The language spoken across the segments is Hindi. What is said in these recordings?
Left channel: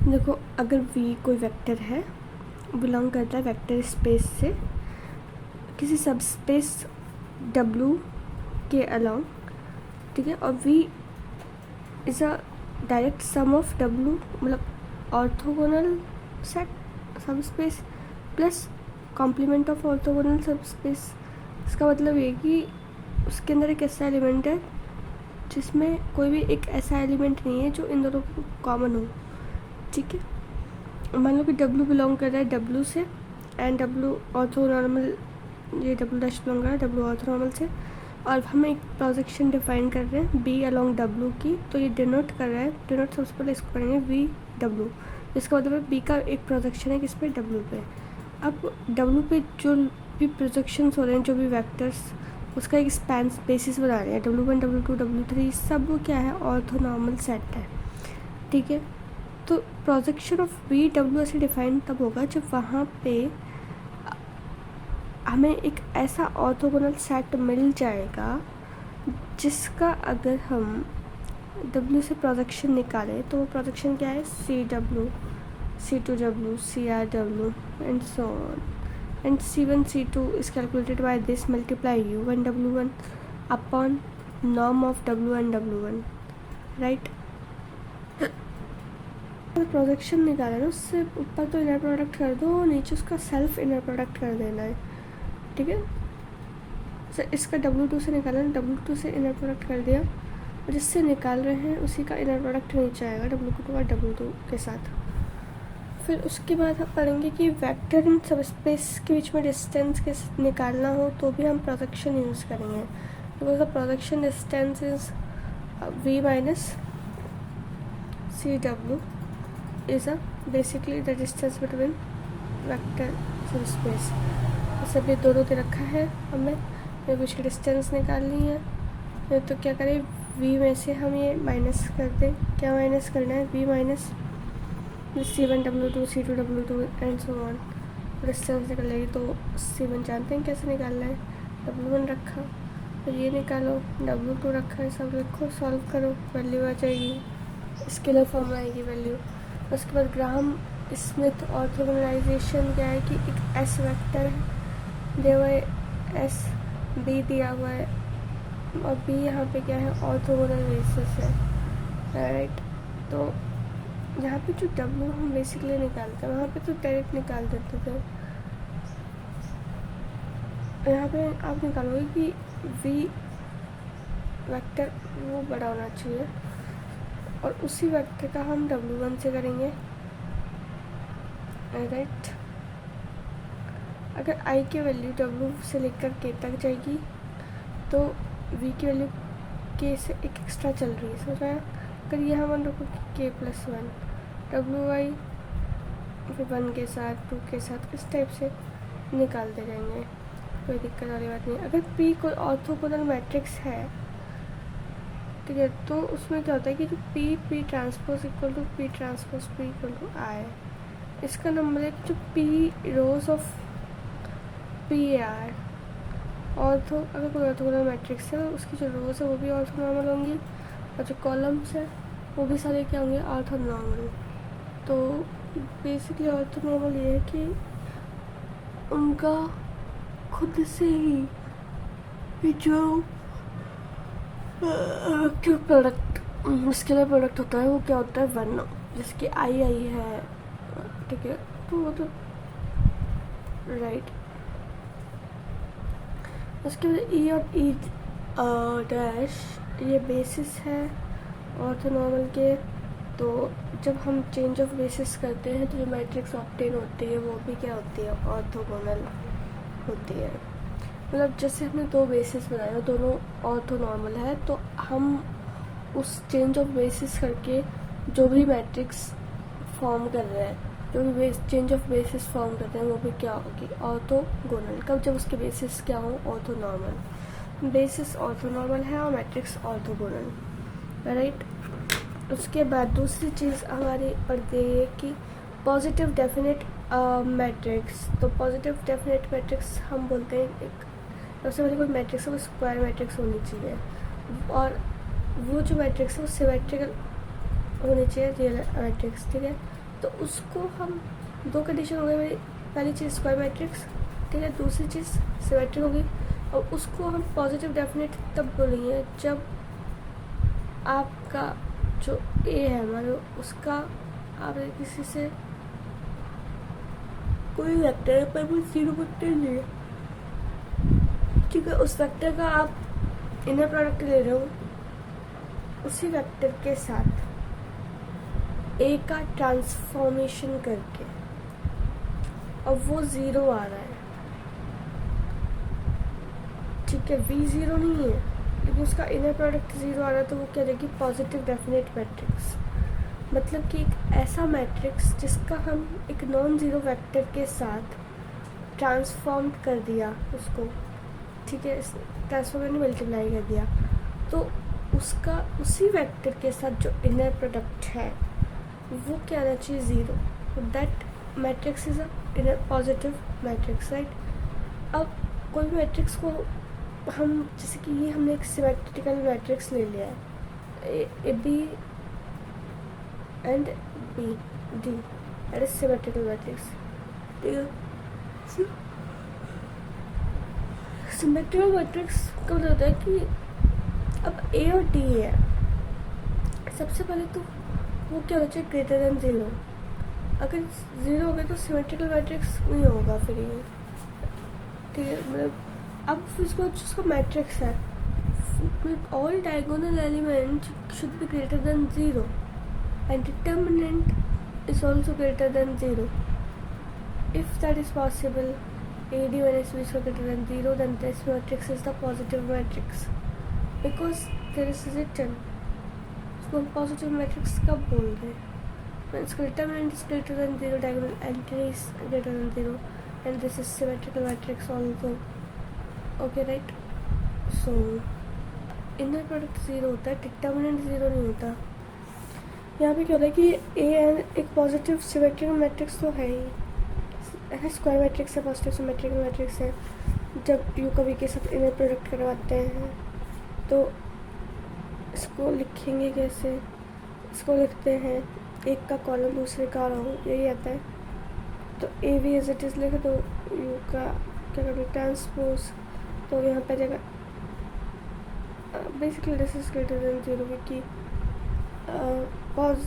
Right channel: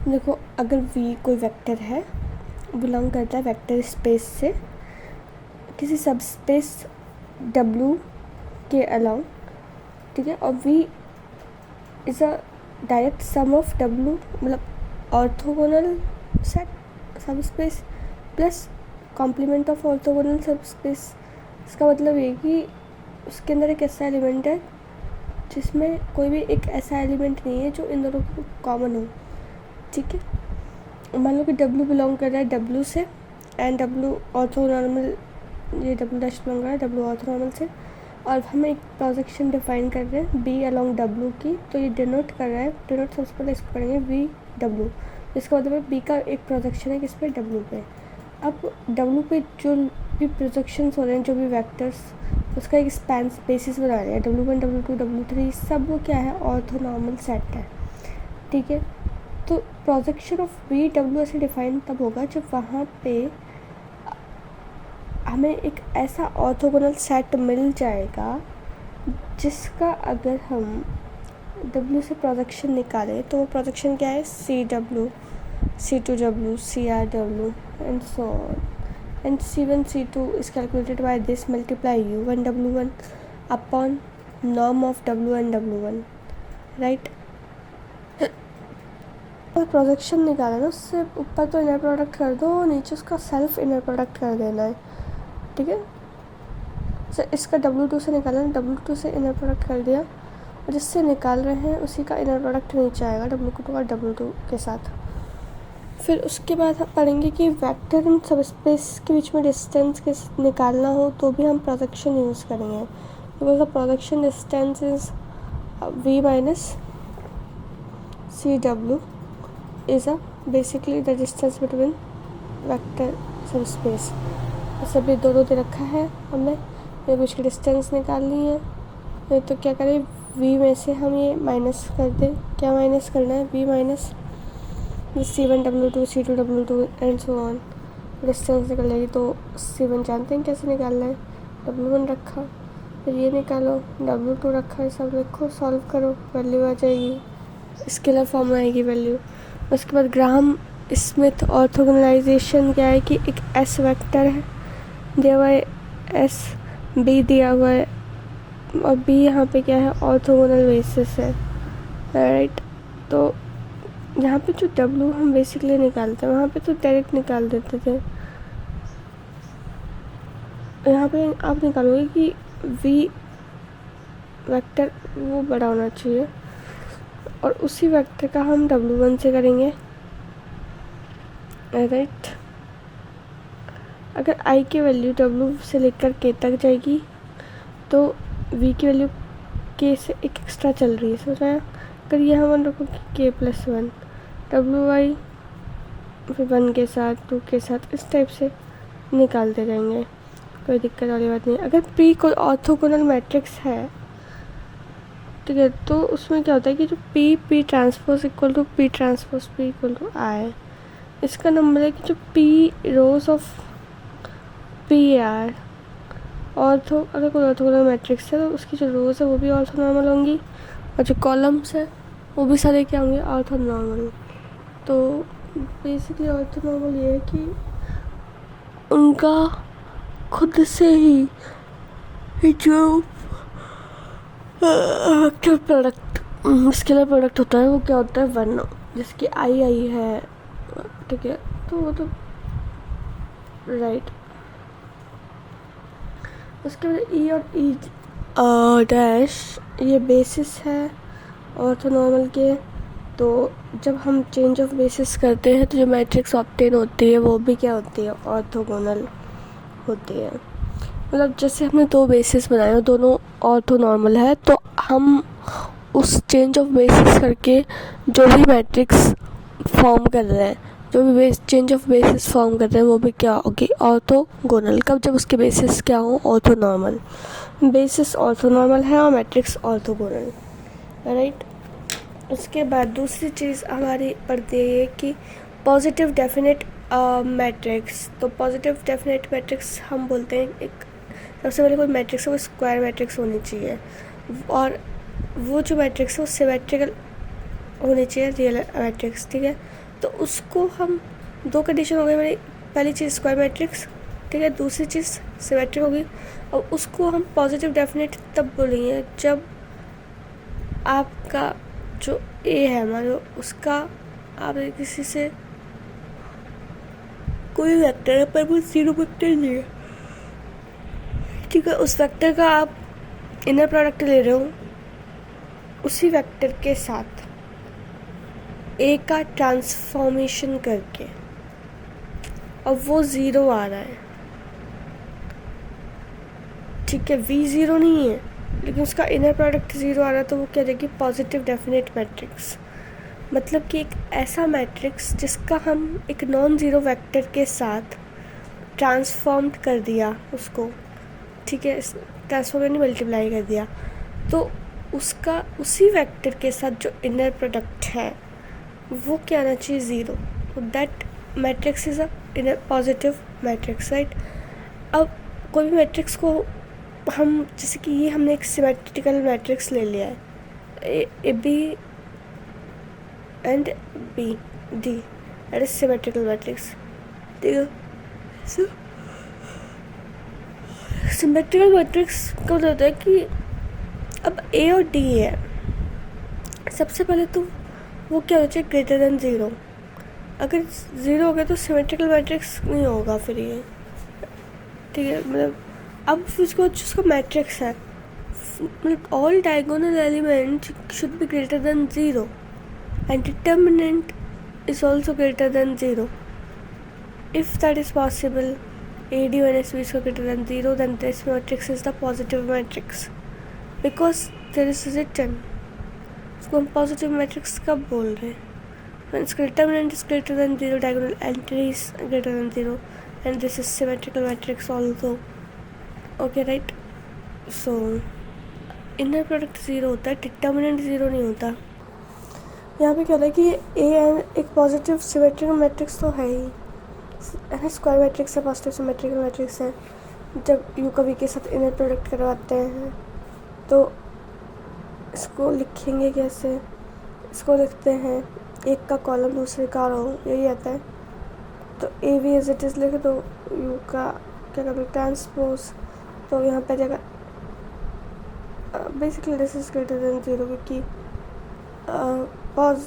देखो, अगर v कोई वेक्टर है, बिलोंग करता है वेक्टर स्पेस से किसी सब स्पेस w के अलोंग, ठीक है, और v is a direct sum of w, मतलब orthogonal set subspace plus complement of orthogonal subspace. इसका मतलब ये कि उसके अंदर एक ऐसा एलिमेंट है जिसमें कोई भी एक ऐसा एलिमेंट नहीं है जो इन दोनों को कॉमन हो, ठीक है। मान लो कि W बिलोंग कर रहा है W से एंड W ऑर्थोनॉर्मल, ये W डैश बिलोंग कर रहा है W ऑर्थोनॉर्मल से, और हम एक प्रोजेक्शन डिफाइन कर रहे हैं B अलोंग W की, तो ये डिनोट कर रहा है, डिनोट सबसे पहले इसको करेंगे VW, इसका मतलब है B का एक प्रोजेक्शन है किस पे, W पे। अब W पे जो भी प्रोजेक्शंस हो रहे हैं, जो भी वेक्टर्स, उसका एक स्पैन बेसिस बना रहे हैं, W1 W2 W3 सब वो क्या है, ऑर्थोनॉर्मल सेट है, ठीक है। तो प्रोजेक्शन ऑफ VW ऐसे डिफाइन तब होगा जब वहाँ पे हमें एक ऐसा ऑर्थोगोनल सेट मिल जाएगा जिसका अगर हम W से प्रोजेक्शन निकालें तो वो प्रोजेक्शन क्या है, CW, C2W, CRW and so on, and C1 C2 is calculated by this, multiply U1 W1 upon norm of W1 W1, right। Projection निकाला ना, उससे ऊपर तो इनर प्रोडक्ट कर दो, नीचे उसका सेल्फ इनर प्रोडक्ट कर देना है, ठीक है। तो इसका W2 से निकाला ना, W2 से इनर प्रोडक्ट कर दिया, और जिससे निकाल रहे हैं उसी का इनर प्रोडक्ट नीचे आएगा W2 और W2 के साथ। फिर उसके बाद हम पढ़ेंगे कि वेक्टर इन सब स्पेस के बीच में डिस्टेंस के निकालना हो तो भी हम प्रोजेक्शन यूज़ करेंगे, because the projection distance is V minus CW is a basically the distance between vector सब स्पेस। जैसे अभी दोनों दे रखा है, हमें ये कुछ डिस्टेंस निकालनी है, तो क्या करें, V में से हम ये माइनस कर दें। क्या माइनस करना है, V minus C1 W2 C2 W2 and so on. Distance निकल जाएगी, तो C1 जानते हैं कैसे निकालना है, W1 रखा, फिर ये निकालो, W2 रखा, ये सब रखो, सॉल्व करो, वैल्यू आ जाएगी, स्केलर फॉर्म में आएगी वैल्यू। उसके बाद ग्राहम स्मिथ ऑर्थोगोनलाइजेशन क्या है कि एक S वेक्टर है दिया हुआ है, S B दिया हुआ है, और B यहाँ पे क्या है, ऑर्थोगोनल बेसिस है, राइट। तो यहाँ पे जो W हम बेसिकली निकालते हैं, वहाँ पे तो डायरेक्ट निकाल देते थे, यहाँ पे आप निकालोगे कि V वेक्टर वो बड़ा होना चाहिए, और उसी वेक्टर का हम W1 से करेंगे, राइट। अगर I की वैल्यू W से लेकर K तक जाएगी तो V की वैल्यू K से एक एक्स्ट्रा चल रही है, समझ रहे हैं। अगर यहाँ मान रखो कि K+1 WI, फिर 1 के साथ 2 के साथ इस टाइप से निकालते जाएंगे, कोई दिक्कत वाली बात नहीं। अगर P कोई ऑर्थोगोनल मैट्रिक्स है, ठीक है, तो उसमें क्या होता है कि जो P transpose equal to P transpose P equal to I, इसका नंबर है कि जो P rows of P are ortho, अगर कोई ऑर्थोगोनल मैट्रिक्स है तो उसकी जो रोज है वो भी ऑर्थोनॉर्मल होंगी, और जो कॉलम्स है वो भी सारे क्या होंगे, ऑर्थोनॉर्मल। तो बेसिकली ऑर्थोनॉर्मल ये है कि उनका खुद से ही जो वेक्टर प्रोडक्ट, स्केलर प्रोडक्ट होता है, वो क्या होता है, 1, जिसकी आई है, ठीक है। तो वो तो राइट। उसके बाद E और E डैश ये बेसिस है ऑर्थोनॉर्मल के। तो जब हम चेंज ऑफ बेसिस करते हैं तो जो मैट्रिक्स ऑब्टेन होती है वो भी क्या होती है, ऑर्थोगोनल होती है। मतलब जैसे हमने 2 बेसिस बनाए और दोनों ऑर्थोनॉर्मल है, तो हम उस चेंज ऑफ बेसिस करके जो भी मैट्रिक्स फॉर्म कर रहे हैं, जो भी चेंज ऑफ बेसिस फॉर्म कर रहे हैं, वो भी क्या होगी, ऑर्थोगोनल। कब, जब उसके बेसिस क्या हो, ऑर्थोनॉर्मल। बेसिस ऑर्थोनॉर्मल है और मैट्रिक्स ऑर्थोगोनल, राइट। उसके बाद दूसरी चीज़ हमारी पढ़ती है कि पॉजिटिव डेफिनेट मैट्रिक्स। तो पॉजिटिव डेफिनेट मैट्रिक्स हम बोलते हैं, एक सबसे पहले कोई मैट्रिक्स है वो स्क्वायर मैट्रिक्स होनी चाहिए, और वो जो मैट्रिक्स है वो सिमेट्रिकल होनी चाहिए, रियल मैट्रिक्स, ठीक है। तो उसको हम दो कंडीशन हो गई हमारी, पहली चीज़ स्क्वायर मैट्रिक्स, ठीक है, दूसरी चीज़ सिमेट्रिक होगी। और उसको हम पॉजिटिव डेफिनेट तब बोलेंगे जब आपका जो ए है हमारे, उसका आप किसी से कोई वेक्टर है पर वो जीरो वेक्टर नहीं है, ठीक है, उस वेक्टर का आप इनर प्रोडक्ट ले रहे हो उसी वेक्टर के साथ ए का ट्रांसफॉर्मेशन करके, और वो ज़ीरो आ रहा है, ठीक है, वी ज़ीरो नहीं है लेकिन उसका इनर प्रोडक्ट ज़ीरो आ रहा है, तो वो क्या देगी, पॉजिटिव डेफिनेट मैट्रिक्स। मतलब कि एक ऐसा मैट्रिक्स जिसका हम एक नॉन ज़ीरो वेक्टर के साथ ट्रांसफॉर्म कर दिया उसको, ठीक है, ट्रांसफॉर्म यानी मल्टीप्लाई कर दिया, तो उसका उसी वेक्टर के साथ जो इनर प्रोडक्ट है वो क्या आना चाहिए, zero. That matrix is a inner positive matrix, right. अब कोई भी मैट्रिक्स को हम, जैसे कि ये हमने एक सिमेट्रिकल मैट्रिक्स ले लिया है, A B and B D, that is symmetrical matrix, ठीक है। सो सिमेट्रिकल मैट्रिक्स का मतलब होता है कि अब ए और डी है, सबसे पहले तो वो क्या होना चाहिए, ग्रेटर देन ज़ीरो। अगर ज़ीरो हो गया तो सिमेट्रिकल मैट्रिक्स नहीं होगा फिर ये, ठीक है। मतलब अब इसको जिसको मैट्रिक्स है, मतलब all diagonal element should be greater than zero and determinant is also greater than 0. If that is possible, AD minus B is greater than 0, then this matrix is the positive matrix, because there is written, इसको हम पॉजिटिव मैट्रिक्स कब बोल रहे हैं, when its determinant is greater than 0, diagonal entry is greater than 0, and this is symmetrical matrix also, okay, right. So inner product 0 होता है, डिटर्मिनेंट 0 नहीं होता। यहाँ पे क्या होता है कि ए एंड एक पॉजिटिव सिमेट्रिकल मैट्रिक्स तो है ही, स्क्वायर मैट्रिक्स है, पॉजिटिव सिमेट्रिकल मैट्रिक्स है। जब यू का वी के साथ इनर प्रोडक्ट करवाते हैं तो इसको लिखेंगे कैसे, इसको लिखते हैं एक का कॉलम दूसरे का रो, यही आता है। तो A V as it is लिखे तो यू का क्या करूँ, ट्रांसपोज, तो यहाँ पे जगह basically this is greater than 0, क्योंकि पॉज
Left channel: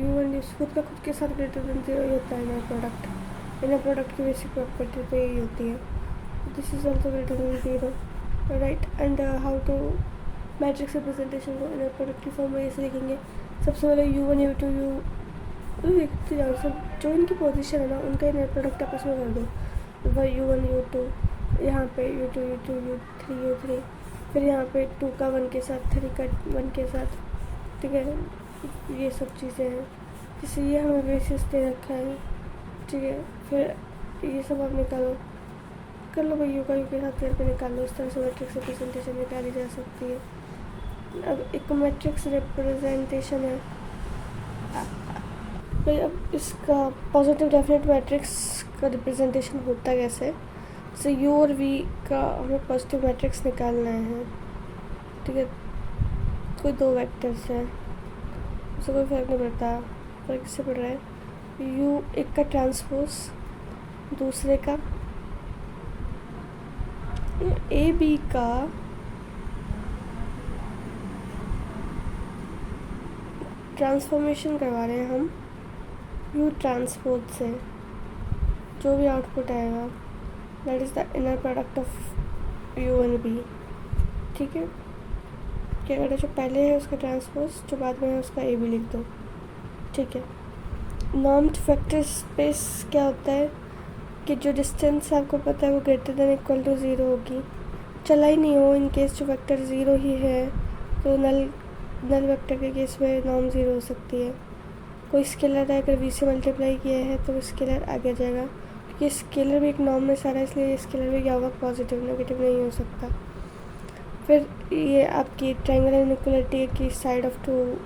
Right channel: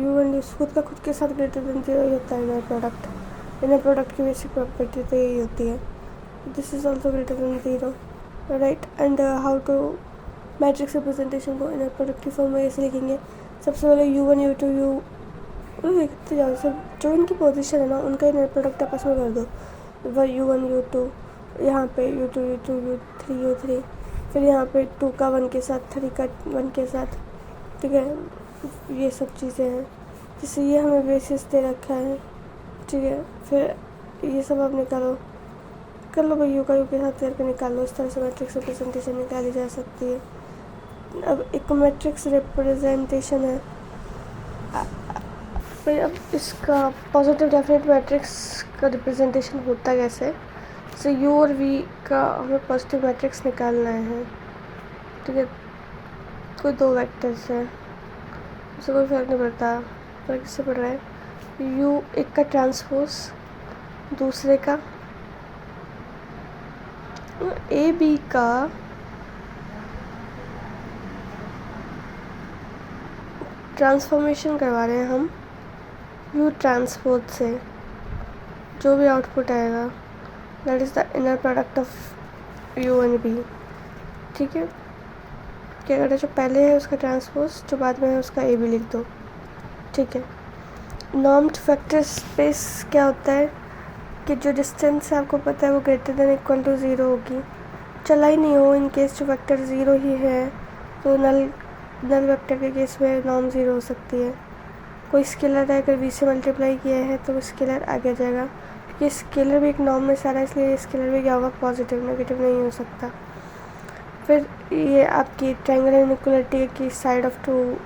यू एंड खुद का खुद के साथ ग्रेटर देन 0 होता है इनर प्रोडक्ट। इनर प्रोडक्ट की बेसिक प्रॉपर्टी तो यही होती है, this is also greater than 0, right. And how to matrix representation को इनर प्रोडक्ट की फॉर्म में कैसे लिखेंगे, सबसे पहले U1 U2 U लिखते जाओ, सब जो उनकी पोजीशन है ना उनका इनर प्रोडक्ट आपस में कर दो, U1 U2, यहाँ पे U2 U2 U3 U3, फिर यहाँ पे 2 का 1 के साथ, 3 का 1 के साथ, ठीक है। ये सब चीज़ें हैं, जैसे ये हमें बेसिस दे रखा है, ठीक है। फिर ये सब आप निकालो, कर लो भाई, यू का यू के साथ करके निकाल लो, इस तरह से मैट्रिक्स रिप्रेजेंटेशन निकाली जा सकती है। अब एक मैट्रिक्स रिप्रेजेंटेशन है, भाई अब इसका पॉजिटिव डेफिनेट मैट्रिक्स का रिप्रेजेंटेशन होता कैसे, जैसे यू और वी का हमें पॉजिटिव मैट्रिक्स निकालना है, ठीक है। कोई दो वेक्टर्स हैं, उससे कोई फ़र्क नहीं पड़ता, फर्क किससे पड़ रहा है, यू एक का ट्रांसपोज दूसरे का, ए बी का ट्रांसफॉर्मेशन करवा रहे हैं हम यू ट्रांसपोज से, जो भी आउटपुट आएगा that is the inner product of U and B, ठीक है। क्या करना है, जो पहले है उसका ट्रांसपोज, जो बाद में है उसका ए बी लिख दो, ठीक है। नॉर्म्ड वेक्टर स्पेस क्या होता है कि जो डिस्टेंस आपको पता है वो ग्रेटर देन इक्वल टू 0 होगी, चला ही नहीं हो, इन केस जो वेक्टर 0 ही है तो नल वेक्टर के केस में नॉर्म 0 हो सकती है। कोई स्केलर है, अगर वी से मल्टीप्लाई किया है तो वो स्केलर आगे जाएगा, क्योंकि स्केलर भी एक नॉर्म में सारा, इसलिए स्केलर भी क्या होगा, पॉजिटिव, नेगेटिव नहीं हो सकता। फिर ये आपकी ट्रायंगल इनइक्वालिटी की side of two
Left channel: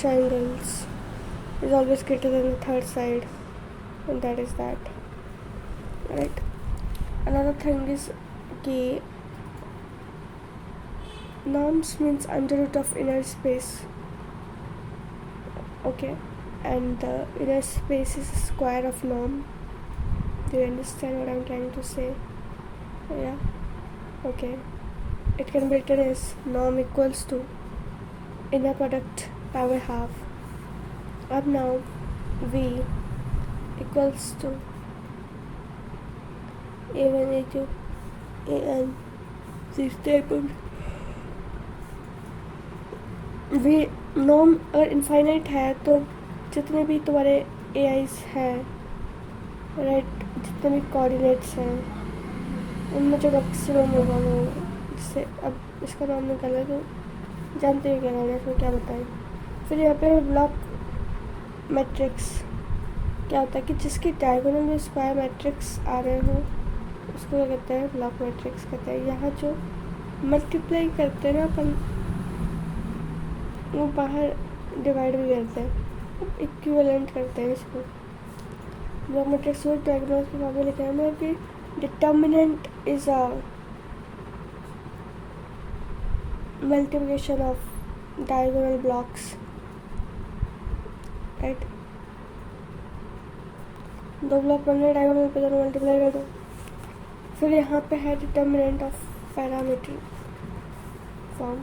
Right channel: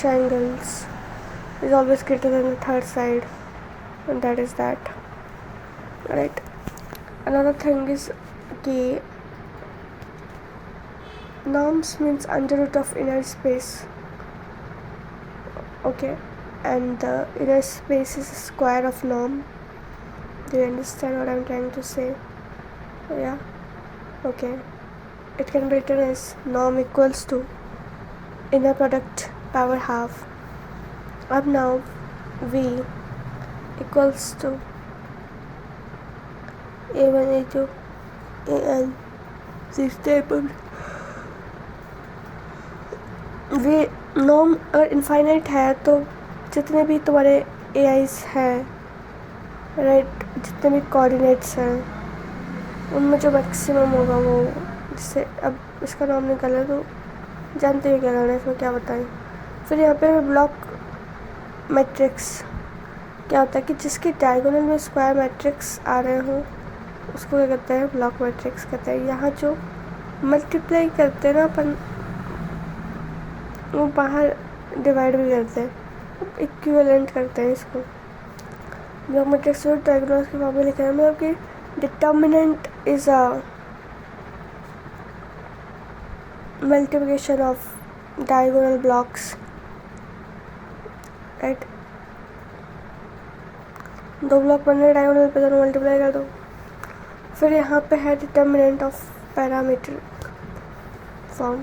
triangles is always greater than the third side, and that is that, right. Another thing is कि norms means under root of inner space okay, and the inner space is a square of norm. Do you understand what I'm trying to say? Yeah, okay. It can be written as norm equals to inner product power half. अब now V equals to A1 A2 AN stable. Way norm अगर इनफाइनाइट है तो जितने भी तुम्हारे ए आईज हैं, राइट, जितने भी कोऑर्डिनेट्स हैं उनमें जो मैक्सिमम होगा वो, जिससे अब इसका नाम निकाला तो जानते हैं क्या करना है, इसमें क्या बताएं। फिर यहाँ पे ब्लॉक मैट्रिक्स क्या होता है कि जिसके डायगोनल में स्क्वायर मैट्रिक्स आ रहे हों उसको क्या कहते हैं, ब्लॉक मैट्रिक्स कहते हैं। यहाँ जो मल्टीप्लाई करते हैं ना अपन, वो बाहर डिवाइड भी करते हैं, इक्विवेलेंट करते हैं इसको। ब्लॉक मैट्रिक्स और डायगोनल के फॉर्म में लिखा है, मतलब कि determinant is a multiplication of diagonal blocks, right. दो ब्लॉक बन रहे डायगोनल पे, दोनों मल्टीप्लाई कर दो। फिर यहाँ पे है डिटर्मिनेंट ऑफ पैरामीटर फॉर्म।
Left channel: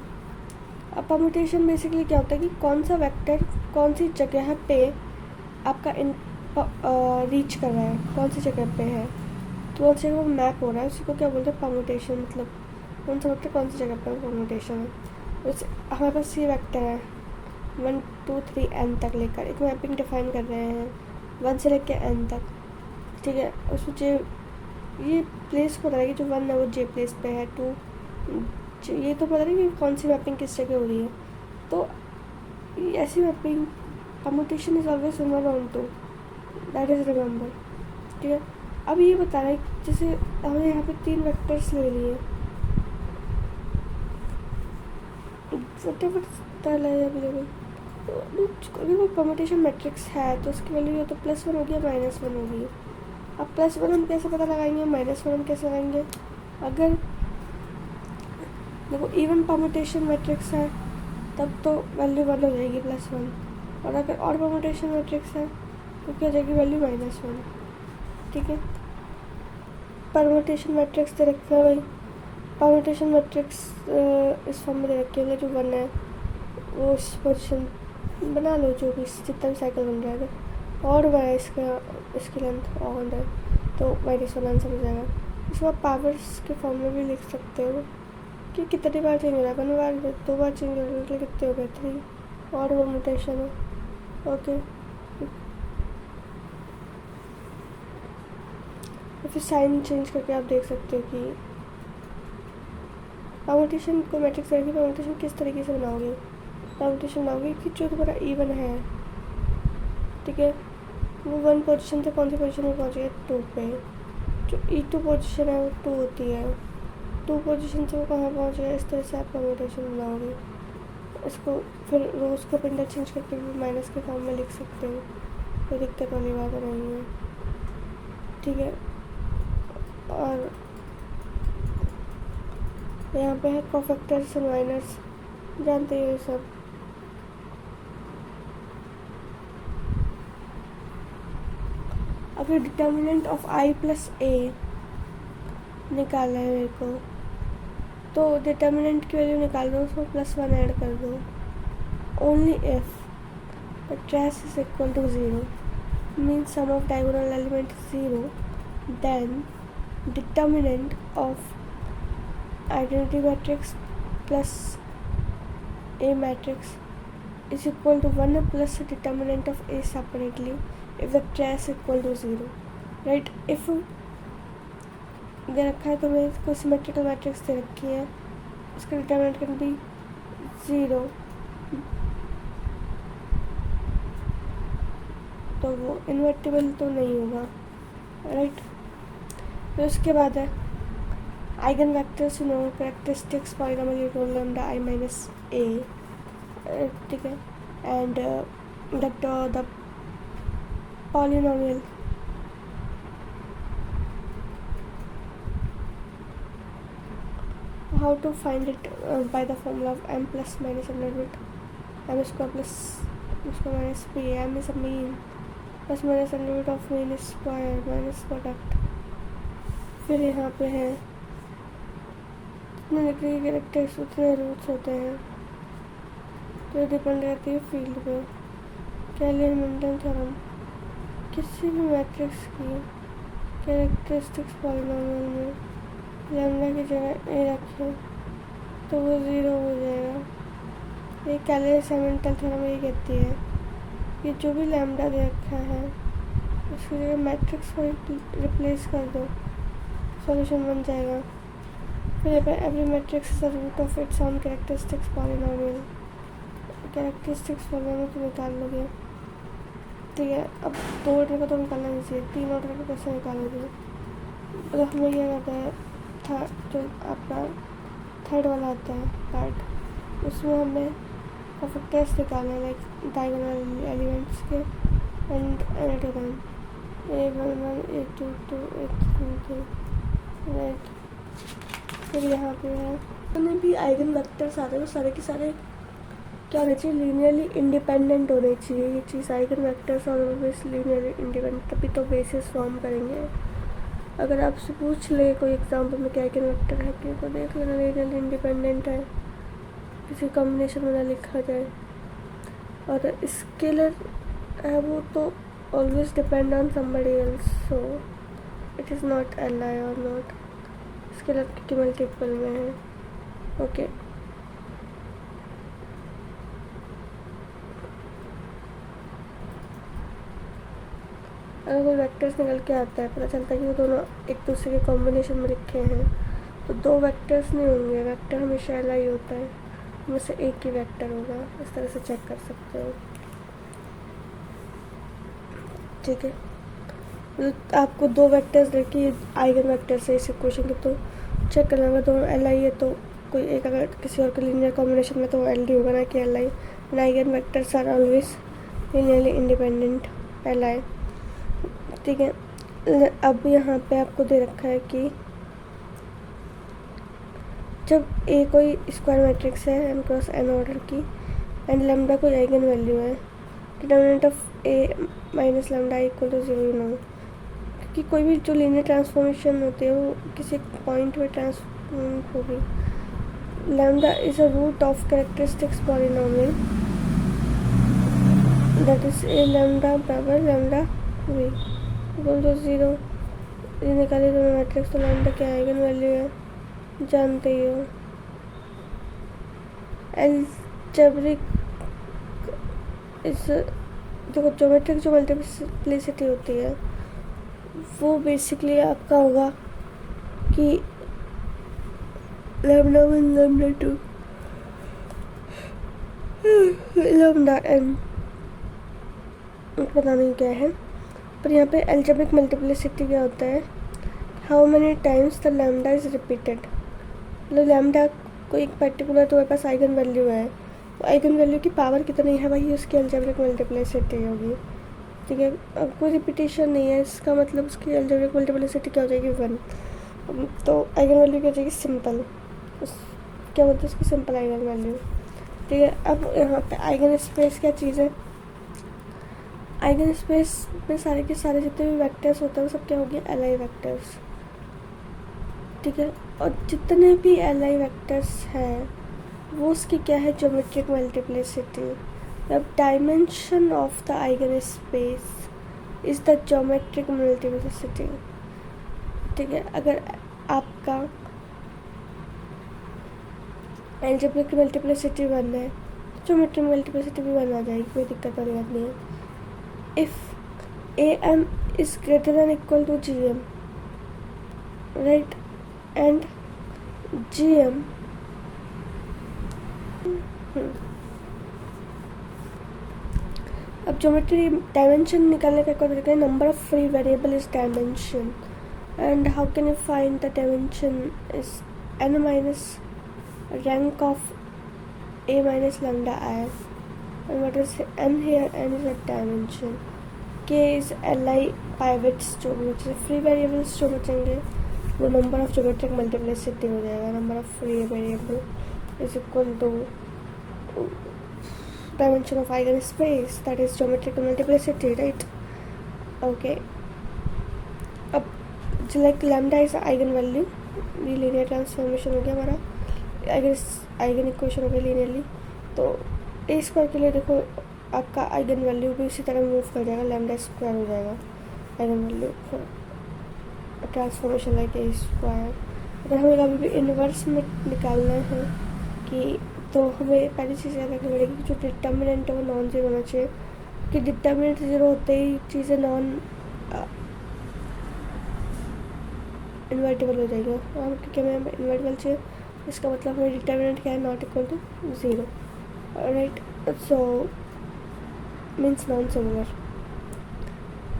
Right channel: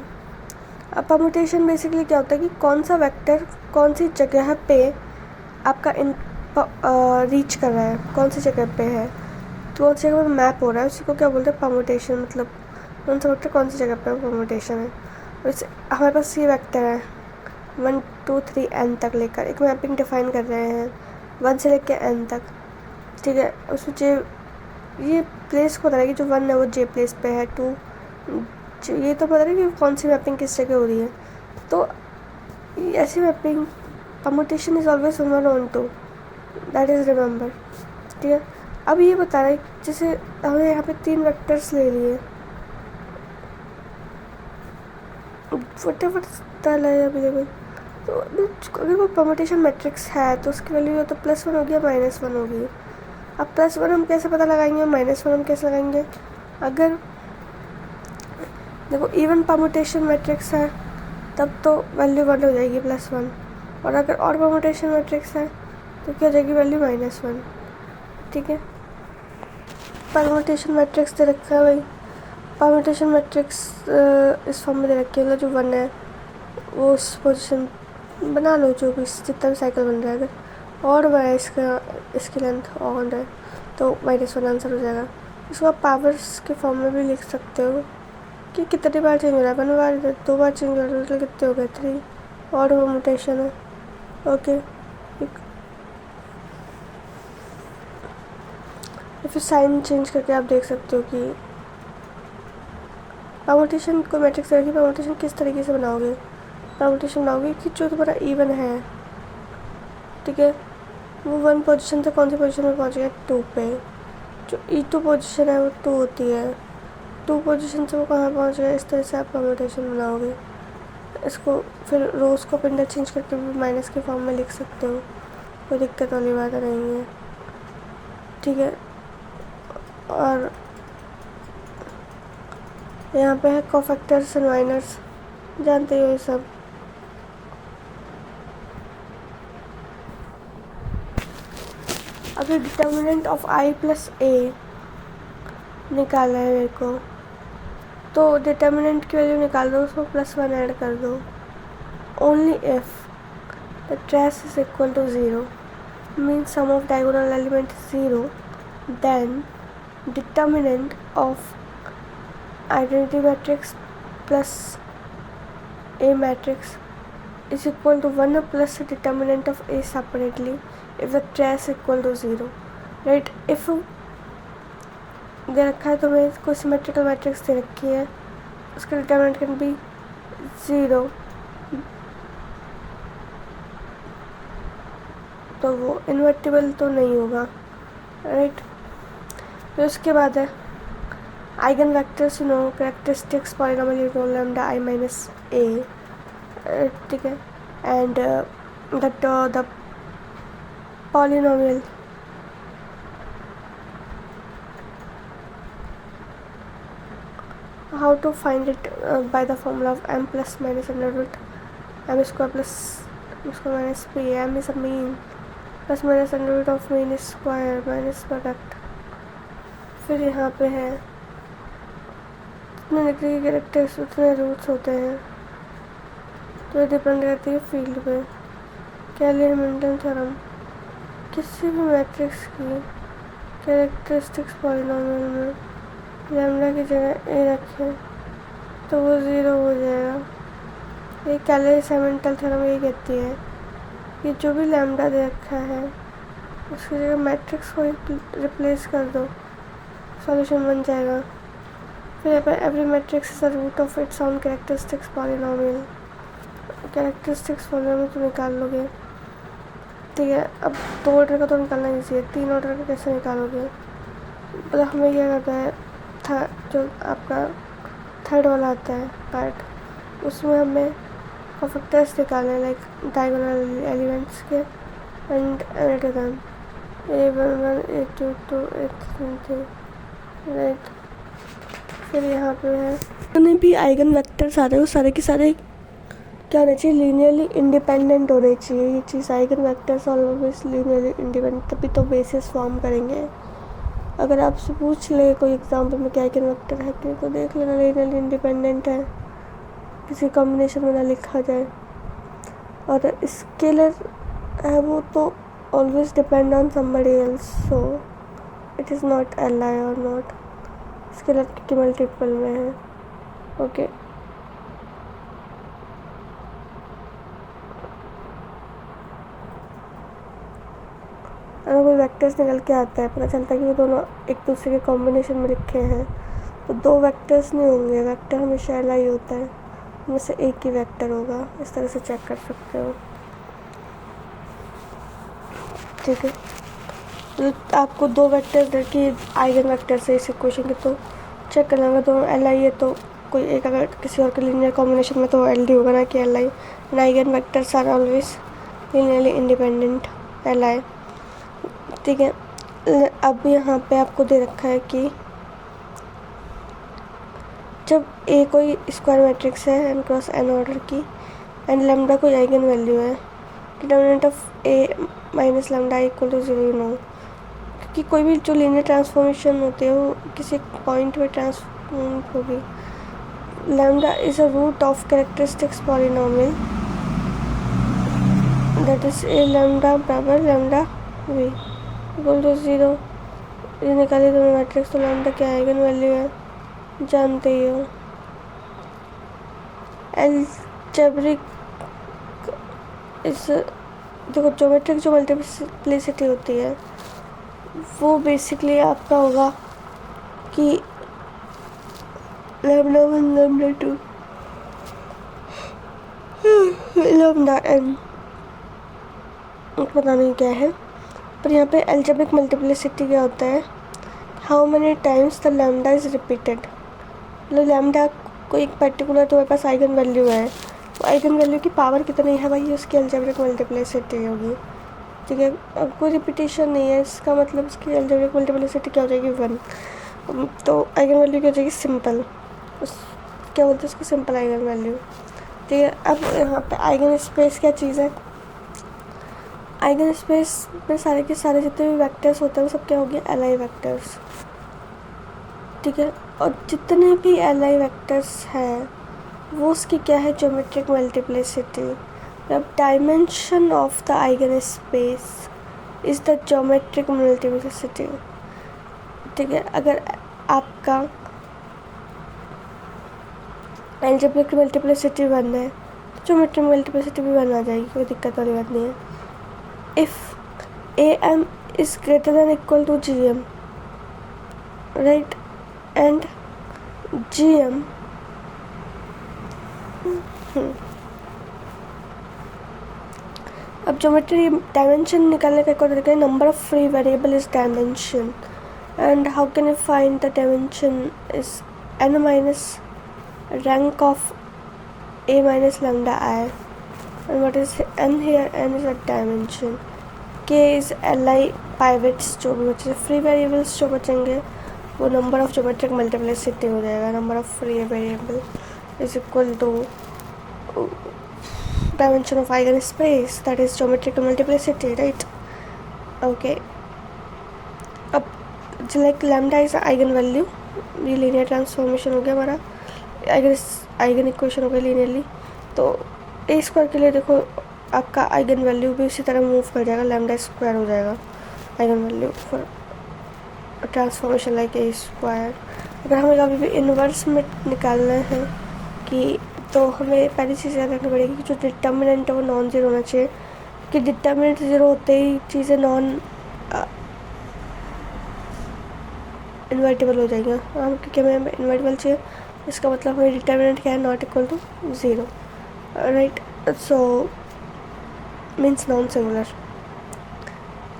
अब परम्यूटेशन बेसिकली क्या होता है कि कौन सा वेक्टर कौन सी जगह पे आपका रीच कर रहा है, कौन सी जगह पे है, तो कौन सी जगह पे मैप हो रहा है, उसी को क्या बोलते हैं, परम्यूटेशन। मतलब कौन सा वेक्टर कौन सी जगह पे परम्यूटेशन है। वैसे हमारे पास ये वेक्टर है 1 2 3 n तक लेकर एक मैपिंग डिफाइन कर रहे हैं 1 से लेकर n तक, ठीक है। उसमें ये प्लेस को पता है कि जो 1 है वो जे प्लेस पे है, 2 ये तो पता है कि कौन सी मैपिंग किस जगह हो रही है। तो ऐसी mapping permutation is always 1 1 2, that is remember, ठीक है। अब ये बता रहा है जैसे हमने यहाँ पे 3 वेक्टर्स ले लिए, फटाफट डाला है अवेलेबल। तो अगर वो परम्यूटेशन मैट्रिक्स है तो उसकी वैल्यू तो +1 होगी या -1 होगी। अब +1 हम कैसे पता लगाएंगे, -1 हम कैसे लगाएंगे। अगर देखो इवन परम्यूटेशन मैट्रिक्स है तब तो वैल्यू 1 हो जाएगी +1, और अगर और परम्यूटेशन मैट्रिक्स है तो क्या हो जाएगी वैल्यू -1, ठीक है। परम्यूटेशन मैट्रिक्स दे रखा है भाई, परम्यूटेशन मैट्रिक्स इस फॉर्म में दे रखी है, मतलब जो 1 है वो उस पोजीशन बना लो, जो भी जितना भी साइकिल बन रहा है। अगर और बड़ा है इसकी लेंथ और है तो -1 आंसर हो जाएगा। इसको आप पावर्स के फॉर्म में भी लिख सकते हो कि कितनी बार चेंज हो रहा है, 1 बार 2 बार चेंज हो रहा है, टोटल कितने हो गए 3, और परम्यूटेशन है, ओके। फिर साइन चेंज करके आप देख सकते हो कि परम्यूटेशन को मैट्रिक्स रखी, परम्यूटेशन किस तरीके से बनाओगे। परम्यूटेशन बनाओगे कि जो तुम्हारा इवन है, ठीक है, वो 1 पोजीशन से कौन सी पोजीशन में पहुंच गया 2 पे, जो E2 पोजीशन है वो 2 होती है, 2 पोजीशन से वो कहाँ पहुंच गया। इस तरह से आप परम्यूटेशन बनाओगे। इसको फिर रोज को इंटरचेंज करके भी माइनस के फॉर्म में लिख सकते हो, कोई दिक्कत वाली बात नहीं है, ठीक है। और यहाँ पे है कोफैक्टर्स एंड माइनर्स, जानते हो ये सब। अगर डिटर्मिनेंट ऑफ i + a निकाला है मेरे को, तो डिटर्मिनेंट की वैल्यू निकाल दो, उसमें +1 ऐड कर दो। Only if the trace is equal to 0 means sum of diagonal element 0, then determinant of identity matrix plus a matrix is equal to 1 plus the determinant of a separately if the trace equal to 0, right। if दे रखा है तो मैं कोई सिमेट्रिकल मैट्रिक्स दे रखी है, उसका डिटर्मिनेंट कैन बी 0, तो वो इन्वर्टिबल तो नहीं होगा, राइट। फिर उसके बाद है eigen vectors, no characteristics polynomial unit lambda i minus a, ठीक है। And the polynomial how to find it by the formula of m plus minus under root m square plus उसको minus P, M is a mean, plus minus under root of mean square minus product. फिर यहाँ पे है जितने निकले कैरेक्टर्स उतने रूट्स होते हैं, तो ये डिपेंड करती है फील्ड पे। कैली-हैमिल्टन थ्योरम, किसी भी मैट्रिक्स की कैरेक्टरिस्टिक्स पॉलिनोमियल में लैम्डा की जगह ए रखें तो वो 0 हो जाएगा। ये कैली-हैमिल्टन थ्योरम ये कहती है कि जो भी लैम्डा दे रखा है उसकी जगह मैट्रिक्स को रिप्लेस कर दो, सॉल्यूशन बन जाएगा। फिर यहाँ पर every matrix is the root of its own characteristics polynomial. Characteristics polynomial तो निकाल लोगे, ठीक है। अब 2 ऑर्डर का तो निकालना ईजी है, 3 ऑर्डर का कैसे निकालोगे? मतलब हमें क्या करना है, जो आपका थर्ड वाला आता है पार्ट, उसमें हमें फैक्टर्स निकालने हैं, लाइक डायगोनल एलिमेंट्स के and add them a11 a22 a33, right. फिर यहाँ पे है जितने भी आइगन वेक्टर्स आ रहे हैं वो सारे के सारे क्या होने चाहिए, लीनियरली इंडिपेंडेंट होने चाहिए। ये चीज़ eigen vectors always linearly independent, तभी तो बेसिस फॉर्म करेंगे। अगर आपसे पूछ ले कोई एग्जांपल में क्या आइगन वेक्टर है कि, तो देख लेना लीनियरली इंडिपेंडेंट है, किसी कॉम्बिनेशन में ना लिखा जाए। और स्केलर है वो तो always depend on somebody else, so it is naught L I और नॉट स्केलर के मल्टीपल में है, ओके। अगर कोई वेक्टर्स निकल के आता है, पता चलता है कि वो दोनों एक दूसरे के कॉम्बिनेशन में लिखे हैं, तो 2 वेक्टर्स नहीं होंगे, वेक्टर हमेशा एल आई होता है, उनमें से एक ही वेक्टर होगा। इस तरह से चेक कर सकते हो, ठीक है। तो आपको 2 वेक्टर्स देखिए आइगन वेक्टर से इस इक्वेशन के, तो चेक कर लेंगे दोनों एल आई है, तो कोई एक अगर किसी और के लीनियर कॉम्बिनेशन में तो एल डी होगा ना कि L I. And eigen vectors are always linearly independent L I, ठीक है। अब यहाँ पे आपको दे रखा है कि जब ए कोई स्क्वायर मैट्रिक्स है एन क्रॉस एन ऑर्डर की एंड लैम्डा कोई आइगन वैल्यू है, determinant of A minus lambda equal to 0 no, क्योंकि कोई भी जो लीनियर ट्रांसफॉर्मेशन होती है वो किसी पॉइंट पे ट्रांसफॉर्म होगी। Lambda is a root of characteristics polynomial, that is A lambda बराबर लैम्डा वी इक्वल टू 0। ये निकाले दोनों मैट्रिक्स, तो लैम्डा क्या आइगन वैल्यू है जानते ही हो। एलजेब्रिक इस देखो ज्योमेट्रिक जो मल्टीप्लिसिटी होती है वो बेसिकली आपका होगा कि लैम्डा 1 लैम्डा 2 लैम्डा n, पता नहीं क्या है, पर यहाँ पे एल्जेब्रिक मल्टीप्लिसिटी क्या होता है, how many times the lambda is repeated. मतलब लैम्डा कोई एक पर्टिकुलर तुम्हारे पास आइगन वैल्यू है, तो आइगन वैल्यू की पावर कितनी है भाई, उसकी एल्जेब्रिक मल्टीप्लिसिटी होगी, ठीक है। अब कोई रिपीटेशन नहीं है, इसका मतलब उसकी एल्जेब्रिक मल्टीप्लिसिटी क्या हो जाएगी 1, तो आइगन वैल्यू क्या हो जाएगी सिंपल, क्या बोलते हैं उसको, सिंपल आइगन वैल्यू, ठीक है। अब यहाँ पे आइगन स्पेस क्या चीज़ है, आइगन स्पेस में सारे के सारे जितने भी वेक्टर्स होते हैं वो सब क्या हो गया, एल आई वेक्टर्स, ठीक है। और जितने भी एल आई वेक्टर्स हैं वो उसकी क्या है, ज्योमेट्रिक मल्टीप्लिसिटी। अब dimension of the eigen space is the geometric multiplicity, ठीक है। अगर आपका एल्जेब्रिक मल्टीप्लिसिटी 1 है तो ज्योमेट्रिक मल्टीप्लिसिटी भी 1 आ जाएगी, कोई दिक्कत वाली बात नहीं है। If A M is greater than equal to G M, right, and G M अब ज्योमेट्री डायमेंशन निकालने का एक और तरीका है, number of free variable is dimension, and how can you find the dimension is n minus rank of a minus lambda I, and what is n here, n is a dimension, k is li pivots जो भी बचे, फ्री वेरिएबल्स जो बचेंगे वो नंबर ऑफ ज्योमेट्रिक मल्टीप्लिसिटी हो जाएगा, number of free variable is equal to dimension of eigenspace, that is geometrical multiplicity, right? Okay, अब like lambda is eigen value, ये लीनियर ट्रांसफॉर्मेशन हो गया हमारा, आइगन इक्वेशन हो गई लीनियरली। तो ए स्क्वायर के लिए देखो आपका आइगन वैल्यू भी उसी तरह मूव कर जाएगा, लैम्डा स्क्वायर हो जाएगा eigen value for transformation like a square. अगर हमें कभी भी इन्वर्स में निकालना है कि, तो हमें पहली चीज़ याद रखनी पड़ेगी कि जो डिटर्मिनेंट है वो नॉन ज़ीरो होना चाहिए, कि डिटर्मिनेंट ज़ीरो होते ही चीज़ें नॉन इन्वर्टिबल हो जाएंगे। हम क्योंकि हमें इन्वर्टिबल चाहिए, इसका मतलब हमें डिटर्मिनेंट क्या है, not equal to zero, right? So means non similar.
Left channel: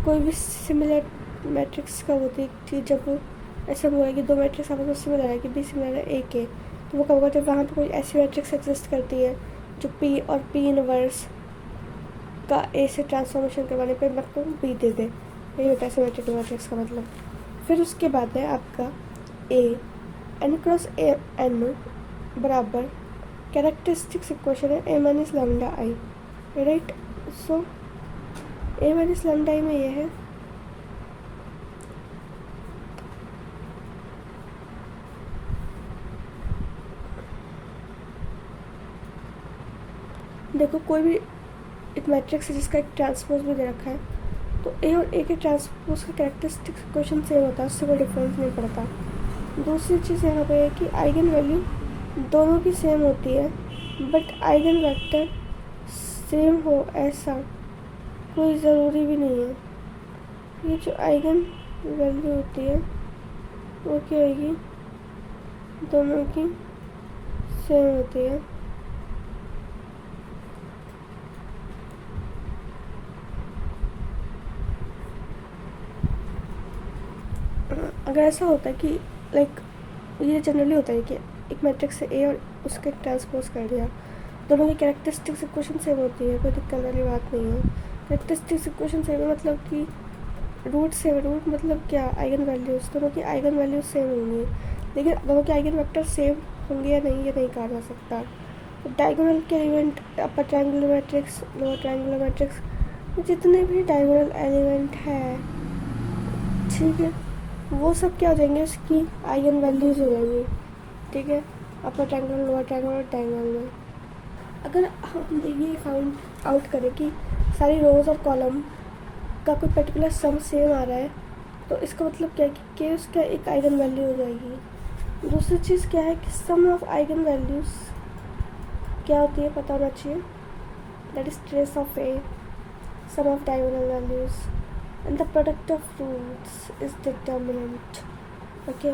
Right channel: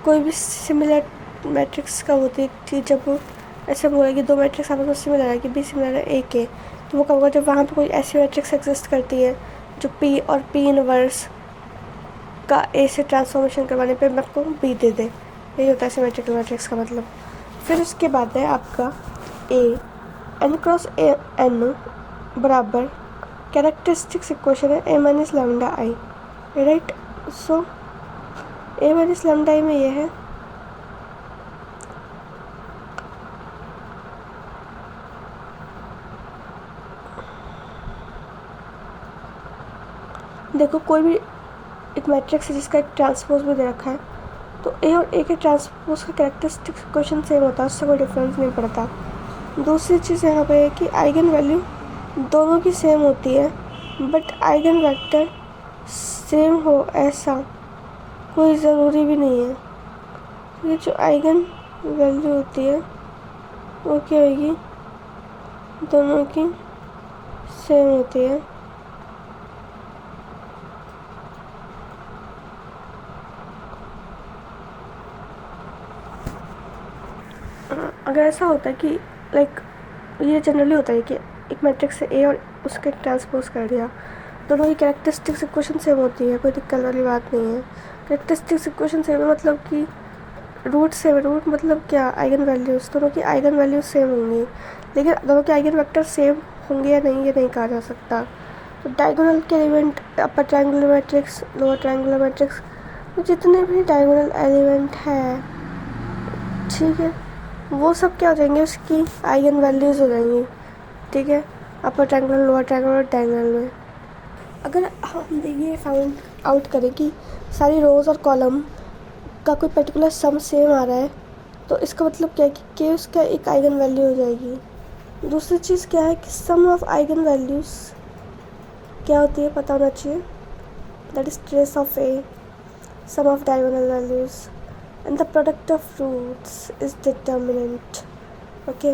कोई भी सिमिलर मैट्रिक्स कब होती है कि जब ऐसा बोला कि दो मैट्रिक्स आपस में सिमिलर है, कि बी सिमिलर है ए के, तो वो कब होगा, जब वहाँ पे कोई ऐसी मैट्रिक्स एग्जिस्ट करती है जो पी और पी इनवर्स का ए से ट्रांसफॉर्मेशन करवाने पे आपको बी दे दे। यही होता है सिमेट्रिकल मैट्रिक्स का मतलब। फिर उसके बाद है आपका A N cross A N बराबर कैरेक्टरिस्टिक्स इक्वेशन है ए माइनस लैम्डा आई, राइट? सो ए माइनस लैम्डा आई में ये है देखो कोई भी एक मैट्रिक्स है जिसका एक ट्रांसपोज भी दे रखा है, तो ए और ए के ट्रांसपोज का कैरेक्टरिस्टिक इक्वेशन सेम होता है, उससे कोई डिफरेंस नहीं पड़ता। दूसरी चीज़ यहाँ पे है कि आइगन वैल्यू दोनों की सेम होती है, बट आइगन वेक्टर सेम हो ऐसा कोई ज़रूरी भी नहीं है। ये जो आइगन वैल्यू होती है वो क्या होगी, दोनों की सेम होती है। अगर ऐसा होता है कि लाइक ये जनरली होता है कि एक मैट्रिक्स से ए और उसके ट्रांसपोज कर दिया, दोनों की कैरेक्टरिस्टिक्स इक्वेशन सेम होती है, कोई दिक्कत वाली बात नहीं है। कैरेक्टरिस्टिक्स इक्वेशन सेम है मतलब कि रूट सेम है, रूट मतलब क्या, आइगन वैल्यूज़, दोनों की आइगन वैल्यूज सेम होंगी, लेकिन दोनों के आइगन वेक्टर सेम होंगे या नहीं ये नहीं कहा जा सकता। तो डायगोनल के element, upper triangular matrix, lower triangular matrix, जितने भी डायगोनल एलिमेंट है, ठीक है, वो सब क्या हो जाएंगे, उसकी आइगन वैल्यूज़ हो जाएंगी, ठीक है, upper triangular, lower triangular, diagonal में। अगर हम देखिए फाइंड आउट करें कि सारी रोज़ और कॉलम का कोई पर्टिकुलर सम सेम आ रहा है, तो इसका मतलब क्या है कि के उसका एक आइगन वैल्यू हो जाएगी। दूसरी चीज़ क्या है कि सम ऑफ आइगन वैल्यूज़ क्या होती है पता होना चाहिए, that is trace of A, sum of diagonal values and the product of roots is determinant, okay?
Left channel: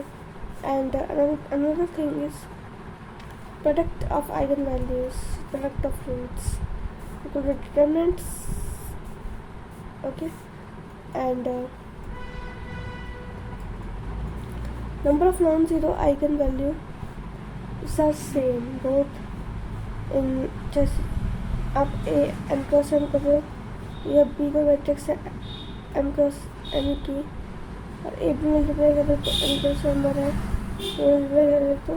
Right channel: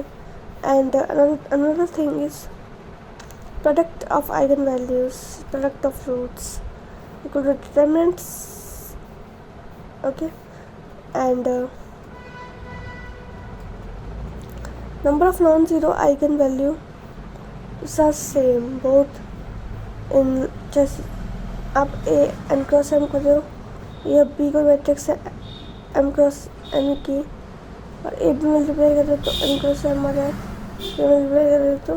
And another thing is product of eigenvalues, product of roots equal to determinants, okay? And number of non-zero eigenvalues are same both in, जैसे आप a n क्रॉस m कर रहे हो, या b को मैट्रिक्स है एम क्रॉस एन की, और ए भी मल्टीप्लाई कर रहे हो तो एन क्रॉस एम आ रहा है, ए मल्टीप्लाई कर रहे हो तो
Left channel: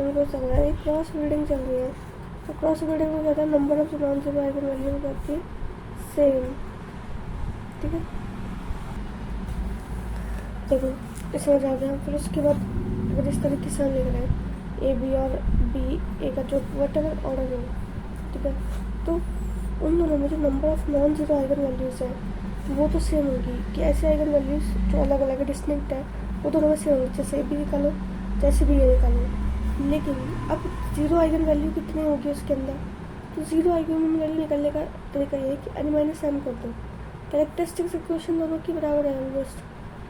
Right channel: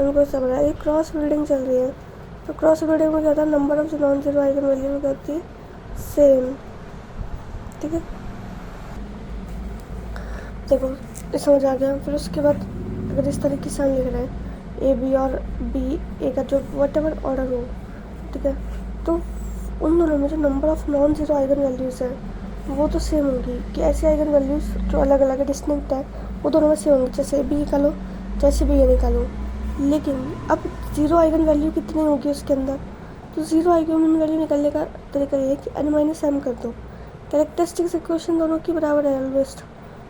एम क्रॉस एम आ रहा है। ये क्रॉस बिल्डिंग चल रही है, तो क्रॉस बिल्डिंग में क्या होता है, नंबर ऑफ जो नॉन जीरो आइगन वैल्यू होती है सेम, ठीक है? देखो ये समझ आ गया। फिर उसके बाद अगर इस तरीके से हम लिख रहे हैं ए बी और बी ए का जो वट एवर ऑर्डर हो, ठीक है, तो उन दोनों में जो number of non zero eigen values है वो तो सेम होगी, कि ऐसे आइगन वैल्यूज़ जो अलग अलग है, डिस्टिंक्ट है, वो दोनों में सेम होंगी, जैसे ए बी निकालो जैसे भी ये निकालो। लेकिन अब जीरो आइगन वैल्यू कितनी होगी उसके अंदर, तो जीरो आइगन वैल्यू निकालने का तरीका ये है कि एन माइनस एम कर दो, कैरेक्टरिस्टिक्स इक्वेशन दोनों की बराबर है ऑलवेस्ट,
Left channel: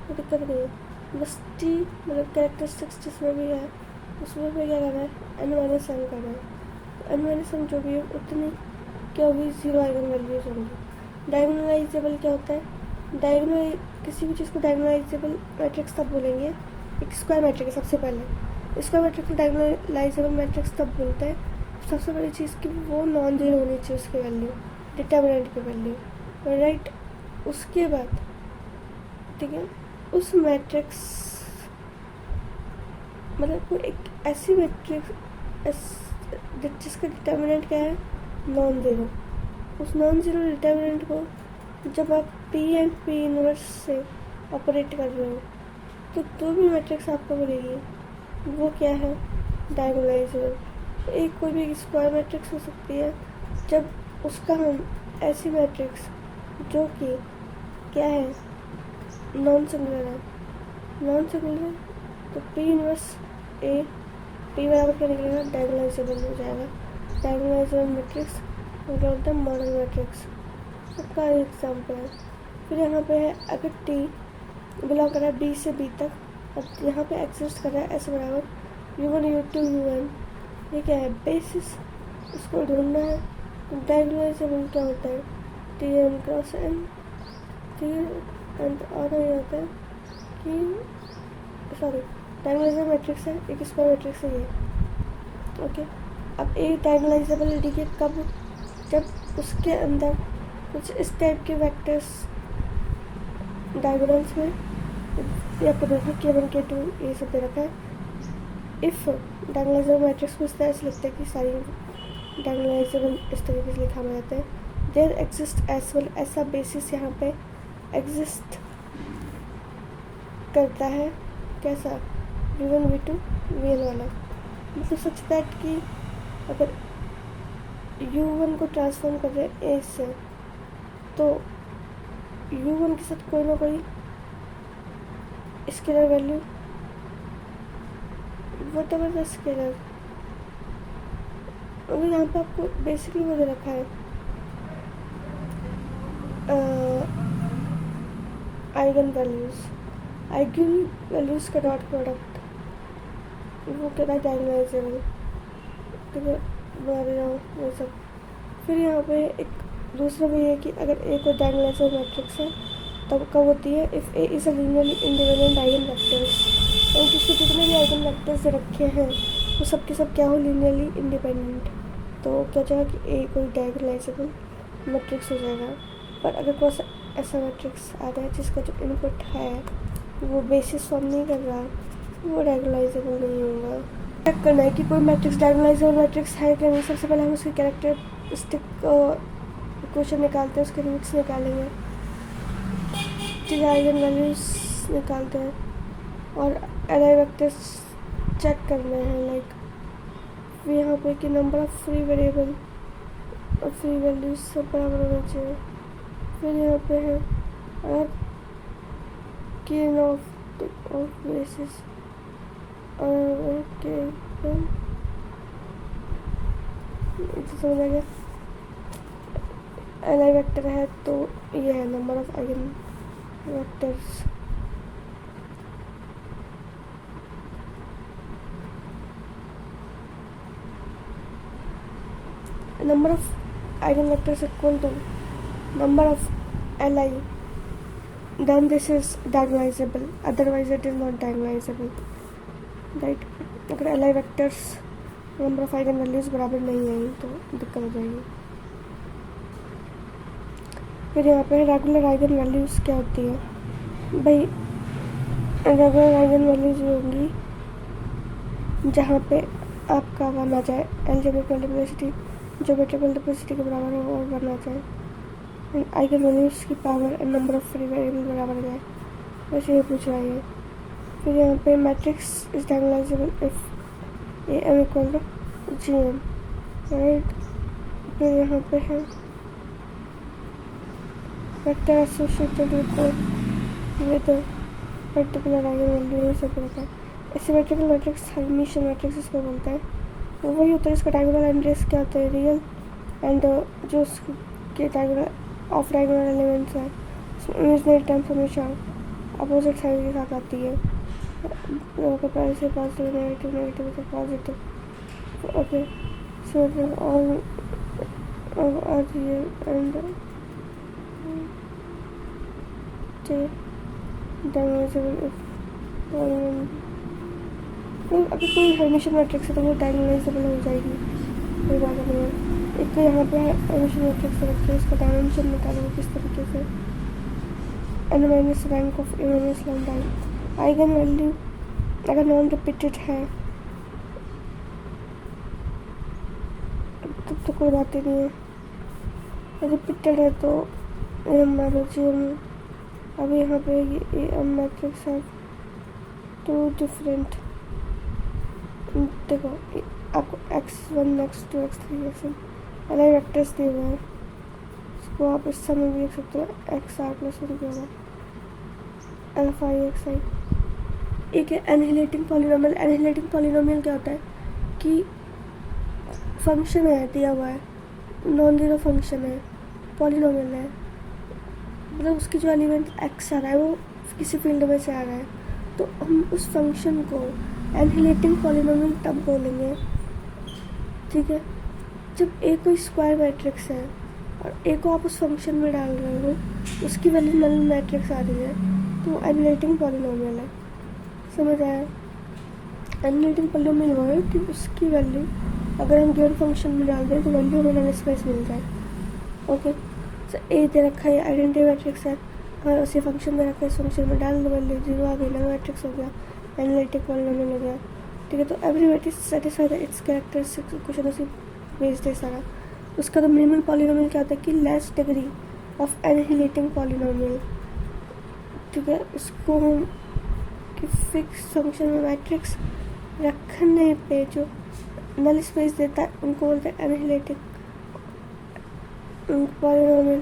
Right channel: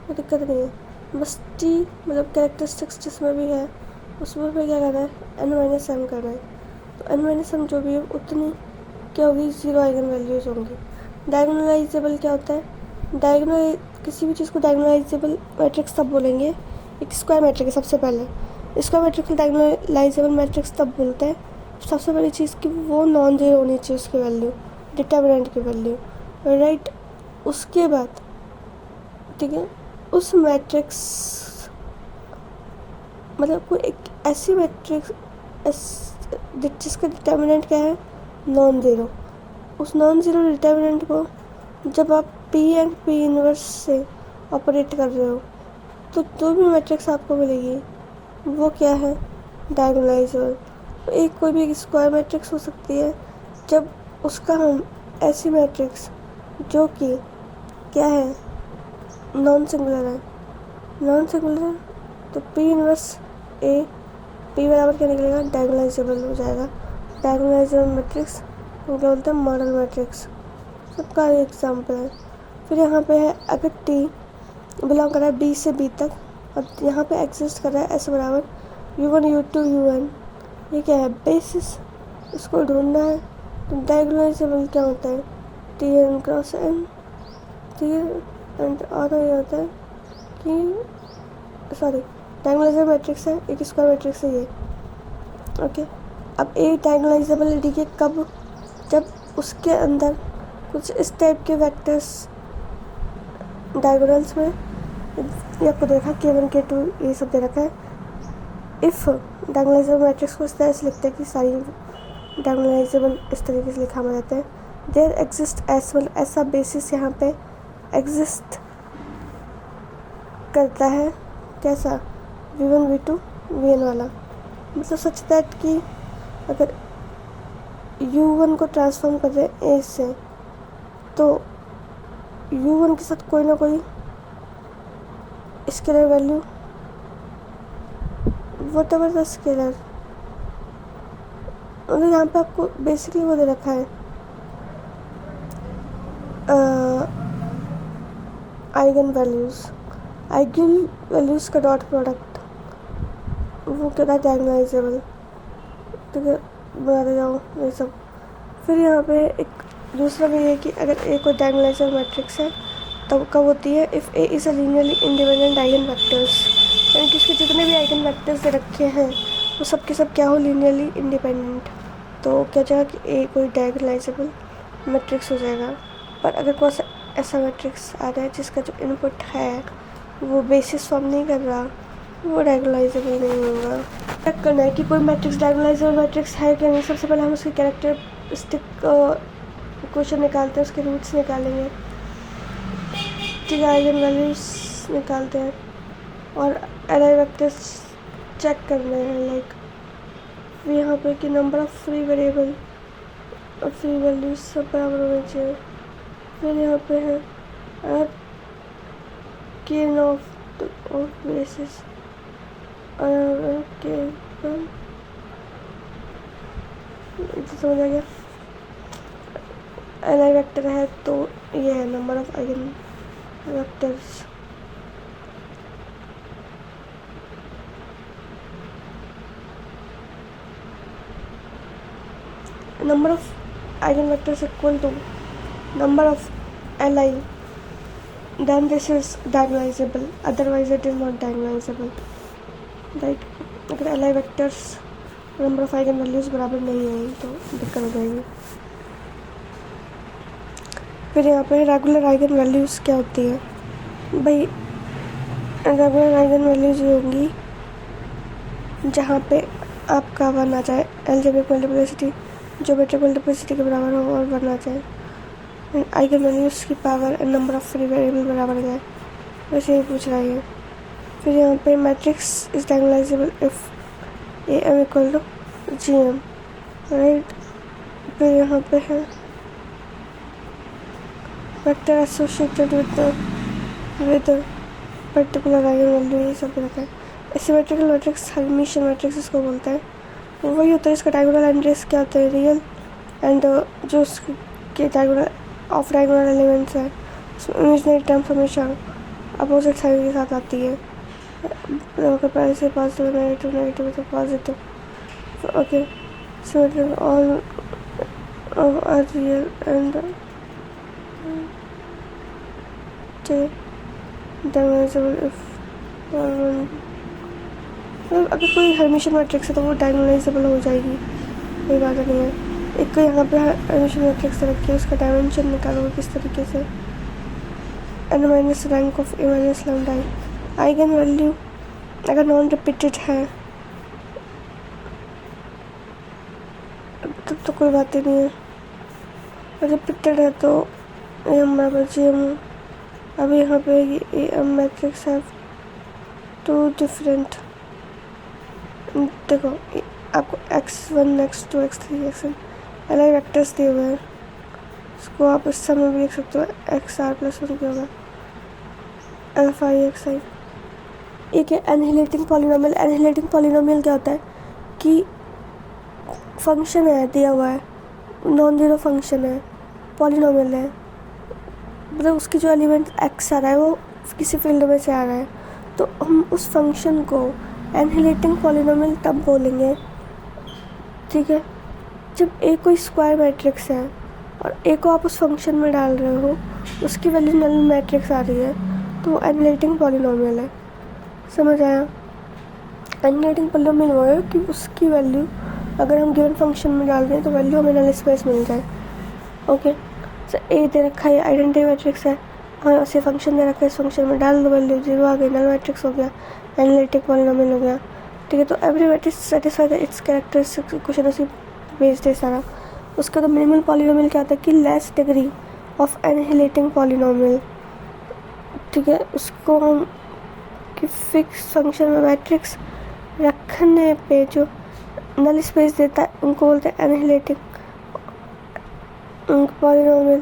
कोई दिक्कत नहीं है। बस टी मतलब कैरेक्टरिस्टिक्स जिसमें भी है उसमें भी क्या करना है, एन माइनस एम करना है। तो एन माइनस एम जो भी है उतनी क्या होगी, जीरो आइगन वैल्यूज़ होंगी। डायगोनलाइजेबल क्या होता है, डायगोनल किसी भी चीज़ को डायगोनलाइजेबल मैट्रिक्स तब बोलेंगे, एक स्क्वायर मैट्रिक्स है सबसे पहले, स्क्वायर मैट्रिक्स में डायगोनलाइजेबल मैट्रिक्स तब बोलते हैं सबसे बड़ी चीज़ कि वो नॉन जीरो होनी चाहिए उसकी वैल्यू, डिटर्मिनेंट की वैल्यू, राइट? उसके बाद ठीक है, उस मैट्रिक्स मतलब कोई एक ऐसी मैट्रिक्स जिसका डिटर्मिनेंट क्या है, नॉन जीरो, उस नॉन ज़ीरो डिटर्मिनेंट को जब आप पी एंड पी इनवर्स से ऑपरेट कर रहे हो तो जो भी मैट्रिक्स आपको मिलेगी वो क्या है, डायगोनलाइजेबल। एक कोई भी स्क्वायर मैट्रिक्स हो सकती है जब उसका हम ऐसी मैट्रिक्स जो कि क्या है, नॉन सिंगुलर है, नॉन सिंगुलर है तो पी इनवर्स ए पी बराबर क्या निकलेगा, डायगोनलाइजेबल हो जाएगा। डायगोनलाइजेबल मैट्रिक्स वो क्या बोलते हैं, मॉडल मैट्रिक्स। सबका एग्जाम्पल है। फिर यहाँ पे है अगर टी बिलोंग कर रहा है बी से बी तक और यहाँ पे एग्जिस्ट कर रहा है एस बराबर U1 U2 UN, ये क्या है, बेसिस, इसको ढूंढना है। तो डायगोनलाइजेबल क्या होता है, टी एन क्रॉस एन, ठीक है। एंड और ये होता है कि सॉरी डायगोनलाइजेबल मैट्रिक्स है, एक स्क्वायर मैट्रिक्स है ये, ओके। अब ए डायगोनलाइजेबल डी के कब, जब उसके अंदर कुछ इस टाइप के वेक्टर्स डायगोनल्स में, ये आपको देखा K1 K2 ये सब दे रखा है। इफ़ डायगोनलाइजेबल मैट्रिक्स को इस तरह से लिखते हैं कि सारी डायगोनलाइजेबल इस तरीके से लिखा हुआ जाता है। देयर एग्जिस्ट एस वन, ऐसा बेसिस यहाँ पे एग्जिस्ट करता है, कैसा, V1 V2 VN वाला, मतलब सच दैट कि अगर U1 को ट्रांसफॉर्म कर रहे हैं A से तो U1 के साथ कोई ना कोई scalar value, what ever the scalar, और यहाँ पे आपको बेसिकली वो दे रखा है आइगन वैल्यूज़ का डॉट प्रोडक्ट, वो क्या था, डायगोनलाइजेबल, ठीक है, बनाते जाओ ये सब। फिर यहाँ पे एक दूसरा भी है कि अगर ए कोई डायगोनलाइजेबल मैट्रिक्स है तब कब होती है, if A is a linearly independent eigen vectors, यानी कि इसके जितने भी आइगन वेक्टर्स दे रखे हैं वो सब के सब क्या हो, लीनियरली इंडिपेंडेंट, तो क्या जाएगा कि ए कोई डायगोनलाइजेबल मैट्रिक्स हो जाएगा। पर अगर कोई ऐसा मैट्रिक्स आ रहा है जिसका जो इनपुट है वो बेसिस फॉर्म नहीं कर रहा, वो डायगोनलाइजेबल नहीं होगा। चेक करना है कि कोई मैट्रिक्स डायगोनलाइजेबल मैट्रिक्स है क्या नहीं। सबसे पहले हम उसके कैरेक्टरिस्टिक इक्वेशन निकालते हैं, उसके रूट्स निकालेंगे, ठीक है, आइगन वैल्यूज निकालते हैं और एरे वेक्टर्स चेक करने हैं, लाइक यहाँ पे कि नंबर ऑफ फ्री वेरिएबल और फ्री वैल्यूज सब बराबर होने चाहिए। फिर यहाँ पे है गेन ऑफ बेसिस, समझ आ गया। एन वेक्टर है तो ये है number of eigen vectors. number of eigenvectors equal to number of Li, then this is diagonalizable, otherwise it is not diagonalizable, right। अगर Li vectors number of eigenvalues बराबर नहीं है तो दिक्कत हो जाएगी। फिर यहाँ पे रेगुलर आइगन वैल्यूज़ क्या होती है भाई, रेगुलर आइगन वैल्यूज ये होंगी जहाँ पे आपका वन आ जाए एलजेब्रिक मल्टीप्लिसिटी ज्योमेट्रिक मल्टीप्लिसिटी के बराबर हो और वन आ जाए, आइगन वैल्यूज़ की power and number of free variable बराबर आ जाए, वैसे ही पूछ रहा है। फिर यहाँ पे matrix is diagonalizable if A M equal to G M, right. फिर यहाँ पे है vector associated with particular eigen value, ये सब रखा है। एसिमेट्रिकल मैट्रिक्स हर्मिशियन मैट्रिक्स इसको बोलते हैं, वही होता है। इसका डायगोनल एंट्रीज क्या होता है, रियल एंड जो उसके डायगोनल ऑफ डायगोनल एलिमेंट्स है उसमें इमेजिनरी टर्म्स हमेशा अपोजिट साइड के साथ आती है, अगर पहले से पॉजिटिव नेगेटिव नेगेटिव तो positive, okay. So all are real and diagonalizable if अगर कोई हर्मिशियन मैट्रिक्स है तो वो डायगोनलाइजेबल हो जाएगी, कोई बात नहीं है। एक यहाँ पे हर्मिशियन मैट्रिक्स रखी है, उसका डायमेंशन निकालो किस तरीके से, n minus rank of A minus lambda. Eigen value अगर नॉन रिपीटेड है तब तो कोई बात ही नहीं है, रिपीटेड है तो ए एम बराबर जी एम। अब यहाँ पे ए एम मैट्रिक्स है टू डिफरेंट, देखो आपको x1 x2 x3 xn L I vectors दिए हुए हैं, इसको आप इस समय भी लिख सकते हो एक्स आर प्लस 1 क्या होगा एफ आई एक्स आई। एक है एनहिलेटिंग पॉलिनोमियल। एनहिलेटिंग पॉलिनोमियल क्या होता है कि फंक्शन है दिया हुआ है, नॉन जीरो फंक्शन है, पॉलिनोमियल है, मतलब उसकी जो एलिमेंट एक्स आ रहा है वो किसी फील्ड में से आ रहा है, तो हम उस फंक्शन को एनहिलेटिंग पॉलिनोमियल तब बोलेंगे, ठीक है, जब ए कोई स्क्वायर मैट्रिक्स है और ए को आप उस फंक्शन में डाल रहे हो, उसकी वैल्यू नल मैट्रिक्स आ रही है, तो वो एनहिलेटिंग पॉलिनोमियल है। समझ आया? एनहिलेटिंग पॉलिनोमियल वो है कि उसकी वैल्यू अगर हम गिवन फंक्शन में डाल दें तो वैल्यू हमें नल स्पेस मिल जाए। ओके, तो ए दे रखा है, आइडेंटिटी मैट्रिक्स है, और उसे फंक्शन दे रखा है, इस फंक्शन में डाल दो वैल्यू 0 आ गई, नल मैट्रिक्स हो गया, एनालिटिक पॉलिनोमियल हो गया। ठीक है, तो every matrix satisfy it's characteristics equation उसी बेस्ड है सारा। उसका तो मिनिमल पॉलिनोमियल क्या होता है कि लेस डिग्री ऑफ एनहिलेटिंग पॉलिनोमियल। ठीक है, उसको हम कि फिक्स फंक्शन में मैट्रिक्स रखने पे जो नल स्पेस देता है उनको बोलते हैं एनहिलेटिंग पॉलिनोमियल।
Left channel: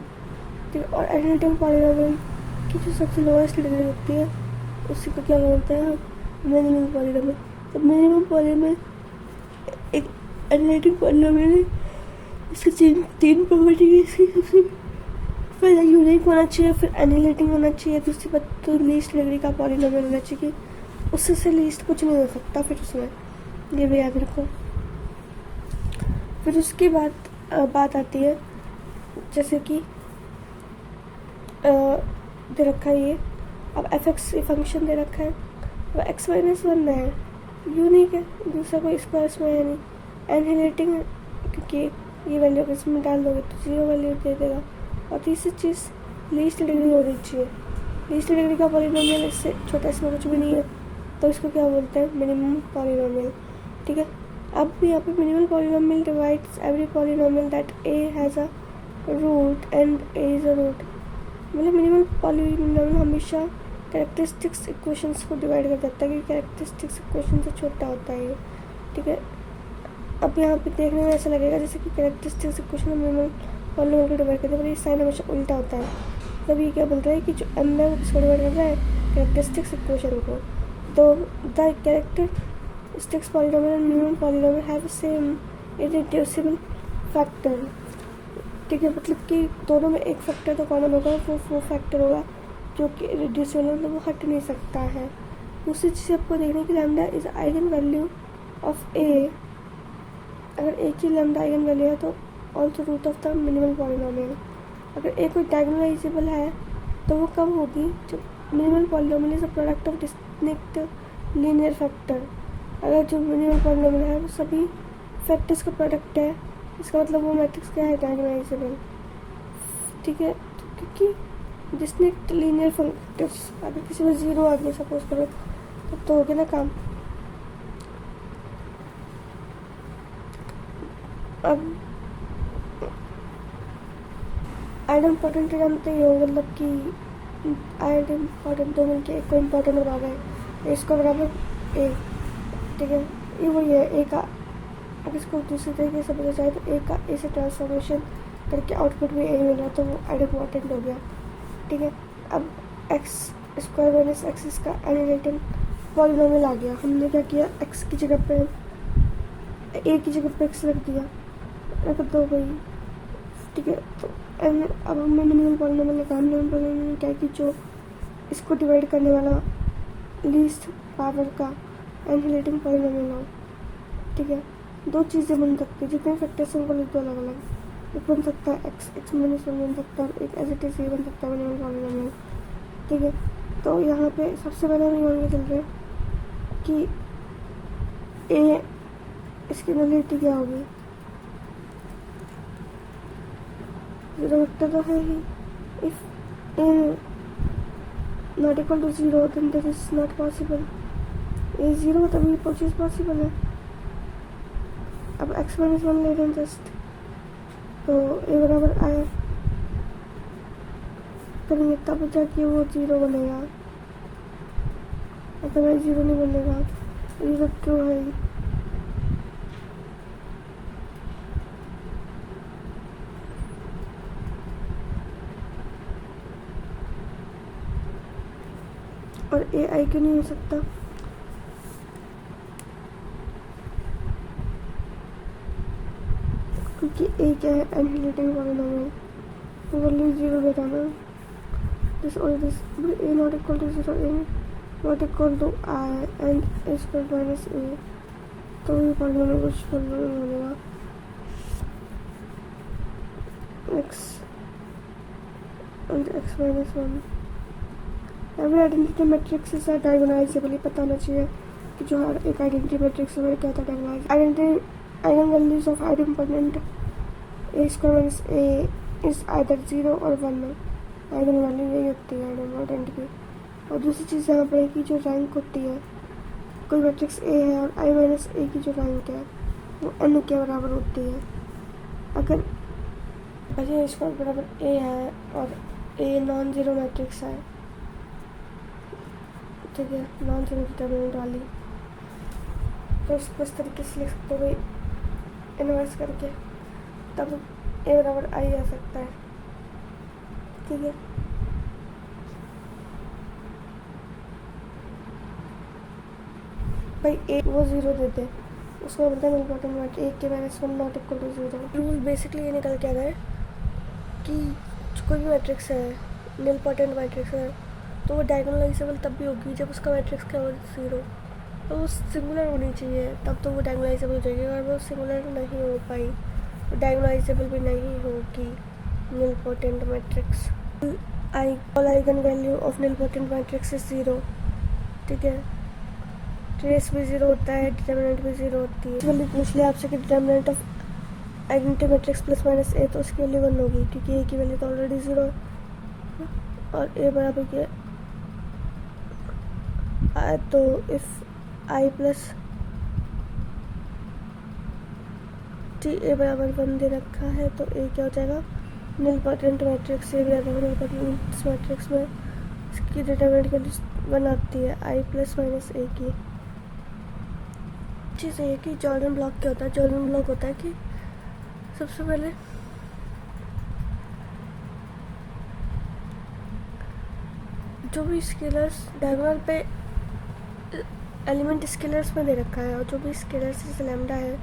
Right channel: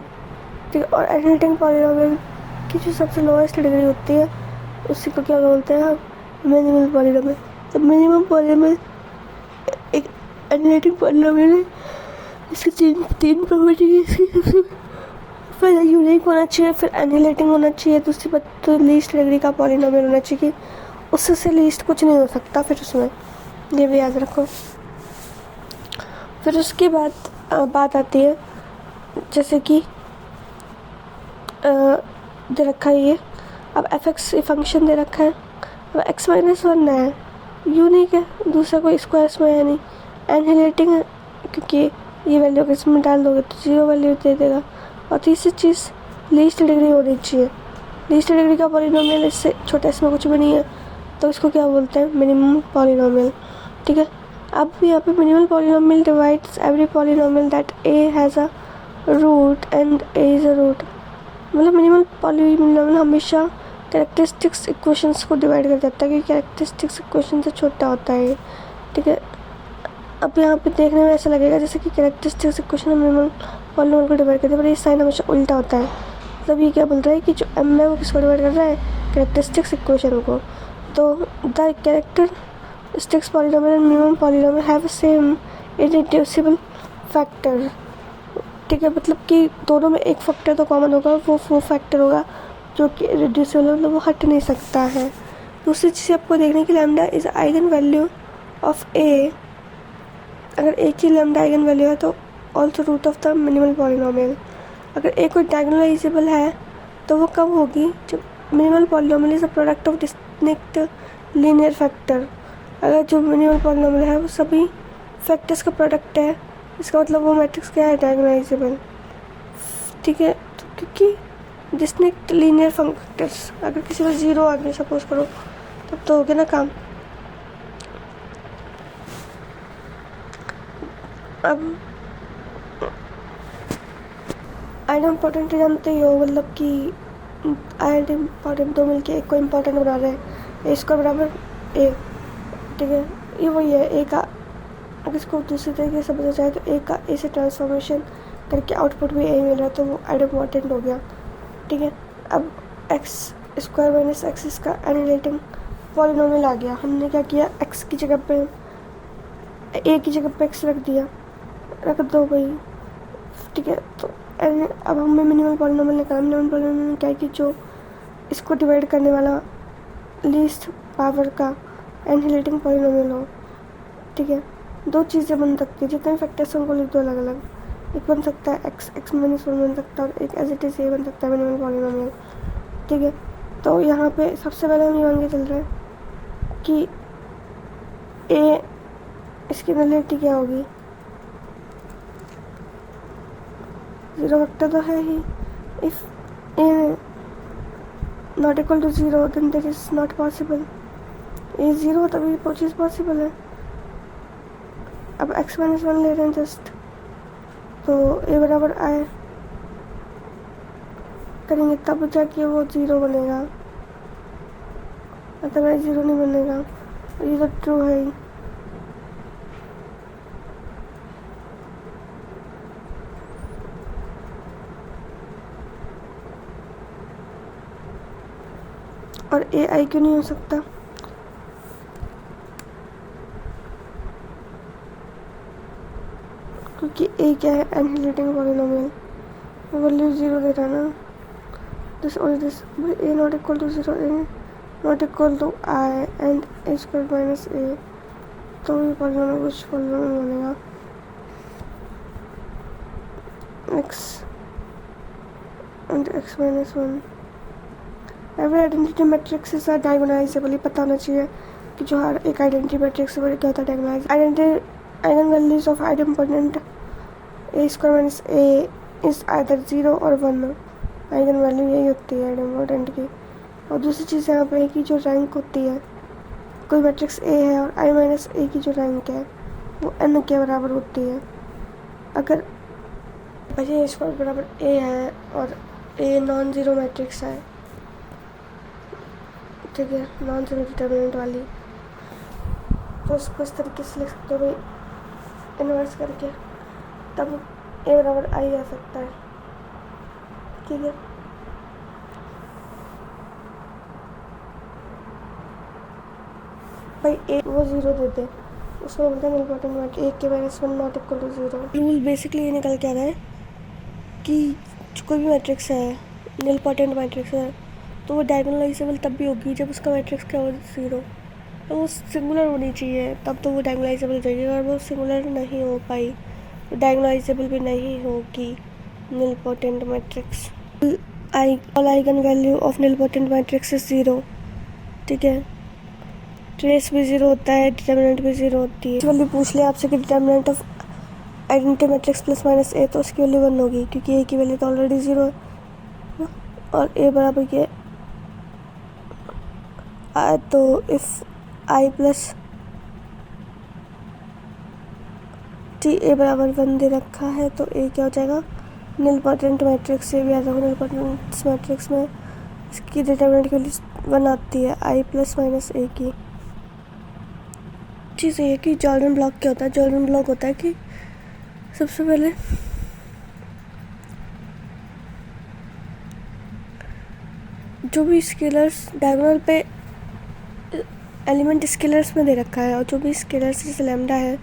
ठीक है, और एनहिलेटिंग पॉलिनोमियल की जो सबसे लोएस्ट डिग्री होती है उसी को क्या बोलते हैं हम मिनिमल पॉलिनोमियल। तो मिनिमम पॉलिनोमियल एक एनहिलेटिंग पॉलिनोमियल है, इसकी तीन प्रॉपर्टी है। इसकी सबसे पहले यूनिक होना चाहिए, फिर एनहिलेटिंग होना चाहिए, दूसरी बात तो लीस्ट डिग्री का पॉलिनोमियल होना चाहिए कि उससे लीस्ट कुछ नहीं हो सकता फिर उसमें, ये भी याद रखो। फिर उसके बाद बात आती है जैसे कि दे रखा है ये, अब एफ एक्स फंक्शन दे रखा है, अब x माइनस 1 है, यूनिक है, दूसरा कोई स्क्वायर में है नहीं, एनहिलेटिंग है क्योंकि ये वैल्यू अगर इसमें डाल दोगे तो 0 वैल्यू दे देगा, और तीसरी चीज़ लीस्ट डिग्री होनी चाहिए। लीस्ट डिग्री का पॉलिनोमियल इससे छोटा इसमें कुछ भी नहीं है, तो इसको क्या बोलते हैं मिनिमम पॉलिनोमियल। ठीक है, अब यहाँ पे minimal polynomial divides every polynomial that A has a root and A is a root. मतलब मिनिमल पॉलिनोमियल हमेशा कैरेक्टरिस्टिक्स इक्वेशंस को डिवाइड कर देता है कि कैरेक्टरिस्टिक्स इक्वेशन से छोटा होता है। ठीक है, अब यहाँ पे देखने में ऐसा लगेगा जैसे कि कैरेक्टरिस्टिक्स इक्वेशन मिनिमल पॉलिनोमियल को डिवाइड करते हैं, पर ये साइन हमेशा उल्टा होता है। मतलब ये क्या बोल रहा है कि जो एम है वो किसको डिवाइड कर रहा है, कैरेक्टरिस्टिक्स इक्वेशन को। तो the characteristics polynomial and minimum polynomial have same irreducible factor. ठीक है, मतलब कि दोनों में एक फैक्टर तो कॉमन होगा, वो फैक्टर होगा जो कि इररिड्यूसिबल, मतलब वो हट नहीं सकता है। दूसरी चीज़ आपको देखने की lambda is eigen value of A. अगर एक ही लैम्डा आइगन वैल्यू है तो also root of the minimal polynomial. अगर ए कोई डायगोनलाइजेबल है तो वो कब होगी, जब minimal polynomial is a product of distinct linear factor. अगर जो मिनिमल पॉलिनोमियल है वो सभी फैक्टर्स का प्रोडक्ट है, इसका मतलब वो मैट्रिक्स क्या है, डायगोनलाइजेबल। ठीक है, तो क्योंकि डिस्टिंक्ट लीनियर फैक्टर्स, अगर किसी में 0 आ गया सपोज करो तब तो हो गया ना काम। अब आइड इम्पोर्टेंट जानते ही हो, मतलब कि आइड इम्पोर्टेंट दो मिलके एक को इम्पोर्टेंट बना रहे हैं, ए इसको बराबर ए। ठीक है, ये वही है ए का, अगर इसको दूसरी तरीके से समझा जाए तो ए का ए से ट्रांसफॉर्मेशन करके आउटपुट भी ए मिल रहा है, तो वो आइड इम्पोर्टेंट हो गया। ठीक है, अब एक्स स्क्वायर माइनस एक्स इसका एनहिलेटिंग पॉलिनोमियल आ गया। हमने क्या किया, एक्स की जगह पे ए की जगह पे एक्स रख दिया, रख दो भाई। ठीक है, तो अब हमें मिनिमल पॉलिनोमियल निकालना। मिनिमल पॉलिनोमियल क्या है कि जो इसको डिवाइड करने वाला लीस्ट पावर का एनहिलेटिंग पॉलिनोमियल हो। ठीक है, दो चीज़ें बन सकती है, जितने फैक्टर्स हैं उनको लिख दो अलग अलग। एक बन सकता है एक्स माइनस 1 बन सकता है, और एक एज इट इज ए बन सकता है मिनिमल पॉलिनोमियल। ठीक है, तो यहाँ पे सबसे पहले हम ये मान के चल रहे हैं कि ए इसकी नलिटी क्या होगी, 0 वेक्टर तो है ही। If A not equal to 0 then that is not possible. A 0 तभी वो चीज़ पॉसिबल है। अब x माइनस 1 ले रहे हैं जस्ट, तो ए बराबर आए करेंगे तब जाके वो 0 बनेगा, अदरवाइज 0 नहीं बनेगा। ये तो ट्रू है ही। और ए आई क्यों नहीं हो सकता? क्योंकि ए क्या है, एनिहिलेटिंग पॉलिनोमियल, वैल्यू 0 दे रहा है ना। दिस और this A not equal to 0, A not equal to I and A square minus A, तो ये पॉलिनोमियल कुछ पॉलिनोमियल बनेगा। X and X minus 1। Every identity matrix are diagonalizable. पता होना चाहिए कि जो हर एक आइडेंटिटी मैट्रिक्स है वो क्या होता है, diagonalize. Eigen values of identity A square minus A is either 0 और 1। आइगन वैल्यू यही होती है आइडेंटिटी की। और दूसरी चीज़ यहाँ पे की जो रैंक होती है, कोई मैट्रिक्स ए है और आई माइनस ए की जो रैंक है वो एन के बराबर होती है। अगर ए स्क्वायर बराबर ए है और ए नॉन ज़ीरो मैट्रिक्स है, ठीक है, नॉन ज़ीरो डिटर्मिनेंट वाली, तो इसको इस तरीके से लिख सकते हो भाई, इन्वर्स करके, तब ए बराबर आई आ सकता है। ठीक है, भाई ए वो 0 देते, उसमें बोलते हैं इम्पोर्टेंट बात, ए के minus 1 not equal to 0। Rule basically ये निकल के आ रहा है कि कोई भी मैट्रिक्स है, निलपोटेंट मैट्रिक्स है, तो वो डायगोनलाइजेबल तब भी होगी जब उसका मैट्रिक्स क्या हो 0, तो वो सिंगुलर होनी चाहिए, तब तो वो डायगोनलाइजेबल हो जाएगी। और वो सिंगुलर नहीं हो पाई तो डायगोनलाइजेबल भी नहीं होगी nilpotent matrix. All eigen value of nilpotent matrix is 0। ठीक है, ट्रेस भी 0 होता है, डिटर्मिनेंट भी 0 होती है। वैल्यू पूछ लिया आपसे कि determinant of identity matrix plus minus A, तो उसकी वैल्यू 1 होगी क्योंकि ए की वैल्यू तो ऑलरेडी 0 है और ए बराबर क्या है, तो if I plus T A बराबर 1 दे रखा है तो ए क्या हो जाएगा, निलपोटेंट मैट्रिक्स से भी याद रखो, निलपोटेंट मैट्रिक्स में इसकी डिटर्मिनेंट की वैल्यू 1 आती है आई प्लस माइनस ए की। चीज़ ये है कि जॉर्डन ब्लॉक क्या होता है। जॉर्डन ब्लॉक होता है कि सबसे पहले जो भी स्केलर्स डायगोनल पे एलिमेंट स्केलर्स में दे रखा है और जो भी स्केलर्स जैसे लैम्डा है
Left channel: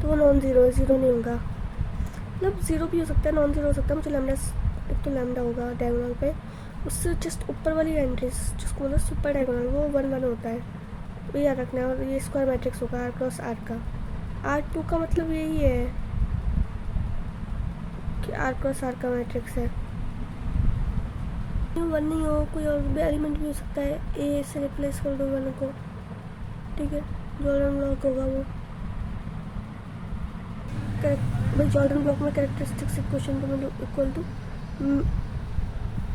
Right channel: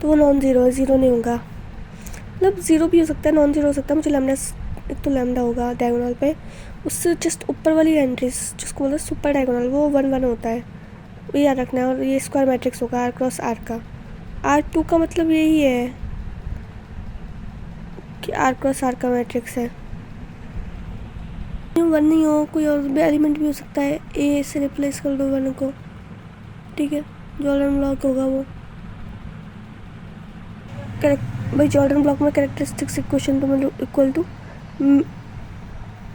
तो वो नॉन ज़ीरो है, ज़ीरो नहीं होगा, मतलब ज़ीरो भी हो सकता है, नॉन ज़ीरो हो सकता है। मुझे लैम्डा, एक तो लैम्डा होगा डायगोनल पे, उससे जस्ट ऊपर वाली एंट्रीज जिसको बोलते हैं सुपर डायगोनल, वो 1 1 होता है, ये याद रखना है। और ये स्क्वायर मैट्रिक्स होगा आर क्रॉस आर का। R2 का मतलब यही है कि आर क्रॉस आर का मैट्रिक्स है। 1 नहीं हो, कोई और भी एलिमेंट भी हो सकता है, ए से रिप्लेस कर दो 1 को, ठीक है, जॉर्डन ब्लॉक होगा वो। भाई जॉर्डन ब्लॉक में कैरेक्टरिस्टिक्स इक्वेशन तो इक्वल टू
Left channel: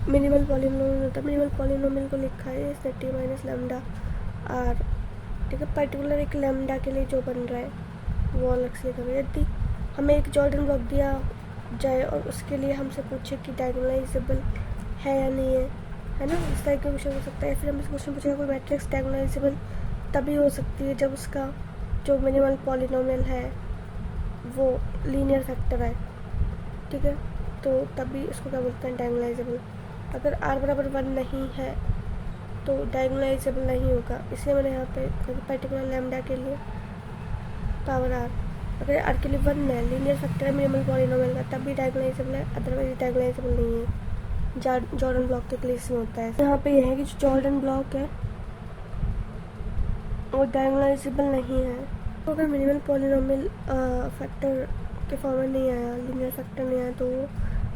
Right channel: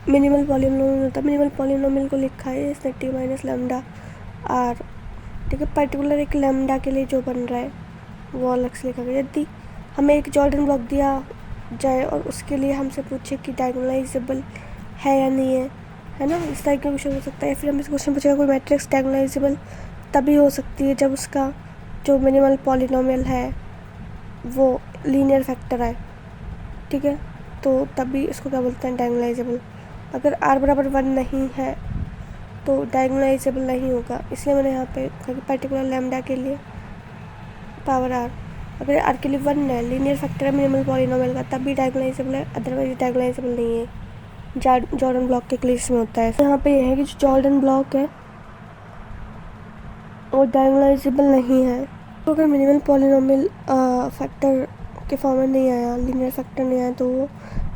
मिनिमल पॉलिनोमियल होता है। मिनिमल पॉलिनोमियल को लिखा है इसने टी माइनस लैम्डा आर, ठीक है, पर्टिकुलर एक लैम्डा के लिए जो बन रहा है वो अलग से लिखा गया। यदि हमें एक जॉर्डन ब्लॉक दिया जाए और उसके लिए हमसे पूछे कि डायगोनलाइजेबल है या नहीं है ना, इस तरह का क्वेश्चन हो सकता है। फिर हमसे क्वेश्चन पूछेगा कोई मैट्रिक्स डायगोनलाइजेबल तभी हो सकती है जब उसका जो मिनिमल पॉलिनोमियल है वो लीनियर फैक्टर है, ठीक है, तो तभी उसको क्या बोलते हैं, डायगोनलाइजेबल। अगर r बराबर 1 नहीं है तो डायगोनलाइजेबल नहीं होगा, इसलिए मैंने यहाँ पे पर्टिकुलर लैम्डा के लिए पावर r, अगर r के लिए 1 है, लीनियर फैक्टर है मिनिमल पॉलिनोमियल का, तब भी डायगोनलाइजेबल है, अदरवाइज डायगोनलाइजेबल नहीं है। जॉर्डन ब्लॉक के केस में होता है। यहाँ पे यह है कि जो जॉर्डन ब्लॉक है वो डायगोनलाइजेबल नहीं है, तो अगर मिनिमल पॉलिनोमियल फैक्टर के फॉर्म में नहीं आया, लीनियर फैक्टर नहीं आया, तो वो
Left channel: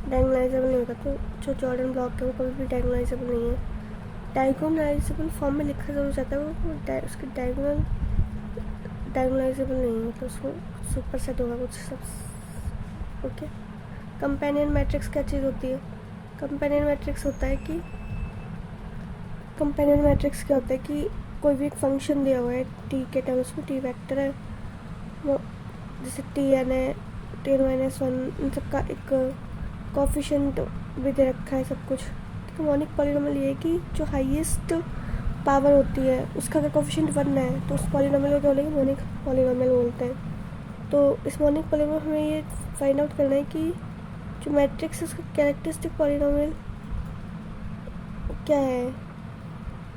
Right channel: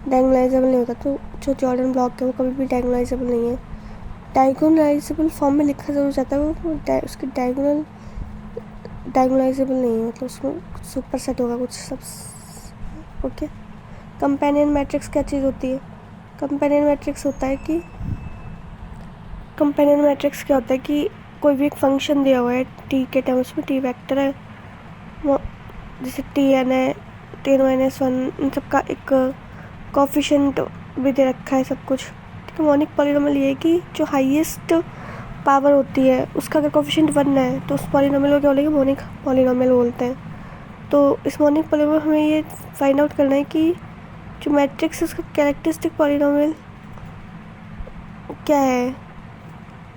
डायगोनलाइजेबल नहीं होगा। तो जो जॉर्डन ब्लॉक है वो कभी भी डायगोनलाइजेबल नहीं है। डायगोनलाइजेबल फॉर्म में लिखा जरूर जाता है वो उसकी डायगोनलाइजेबल नहीं है, मतलब उसमें सुपर सेट होगा कुछ सब। ओके, कंपेनियन मैट्रिक्स क्या चीज़ होती है? कंपेनियन मैट्रिक्स होता है कि कंपेनियन मैट्रिक्स क्या होता है कि कोई भी एक फंक्शन दिया हुआ है टी के टर्म्स में, टी वेक्टर है वो, जैसे टी एन है, टी n-1, इन सब का एक कोफिशिएंट भी दे रखा है सब कुछ, कि मोनिक पॉलीनोमियल ये है कि जो हाईएस्ट पावर होती है उसका अगर कोफिशिएंट 1 है तो उस पॉलीनोमियल को क्या बोलेंगे, मोनिक पॉलीनोमियल बोलते हैं। तो इस मोनिक पॉलीनोमियल हमें ये फाइंड आउट करना है कि जो मैट्रिक्स है उसका कैरेक्टरिस्टिक पॉलीनोमियल क्या है।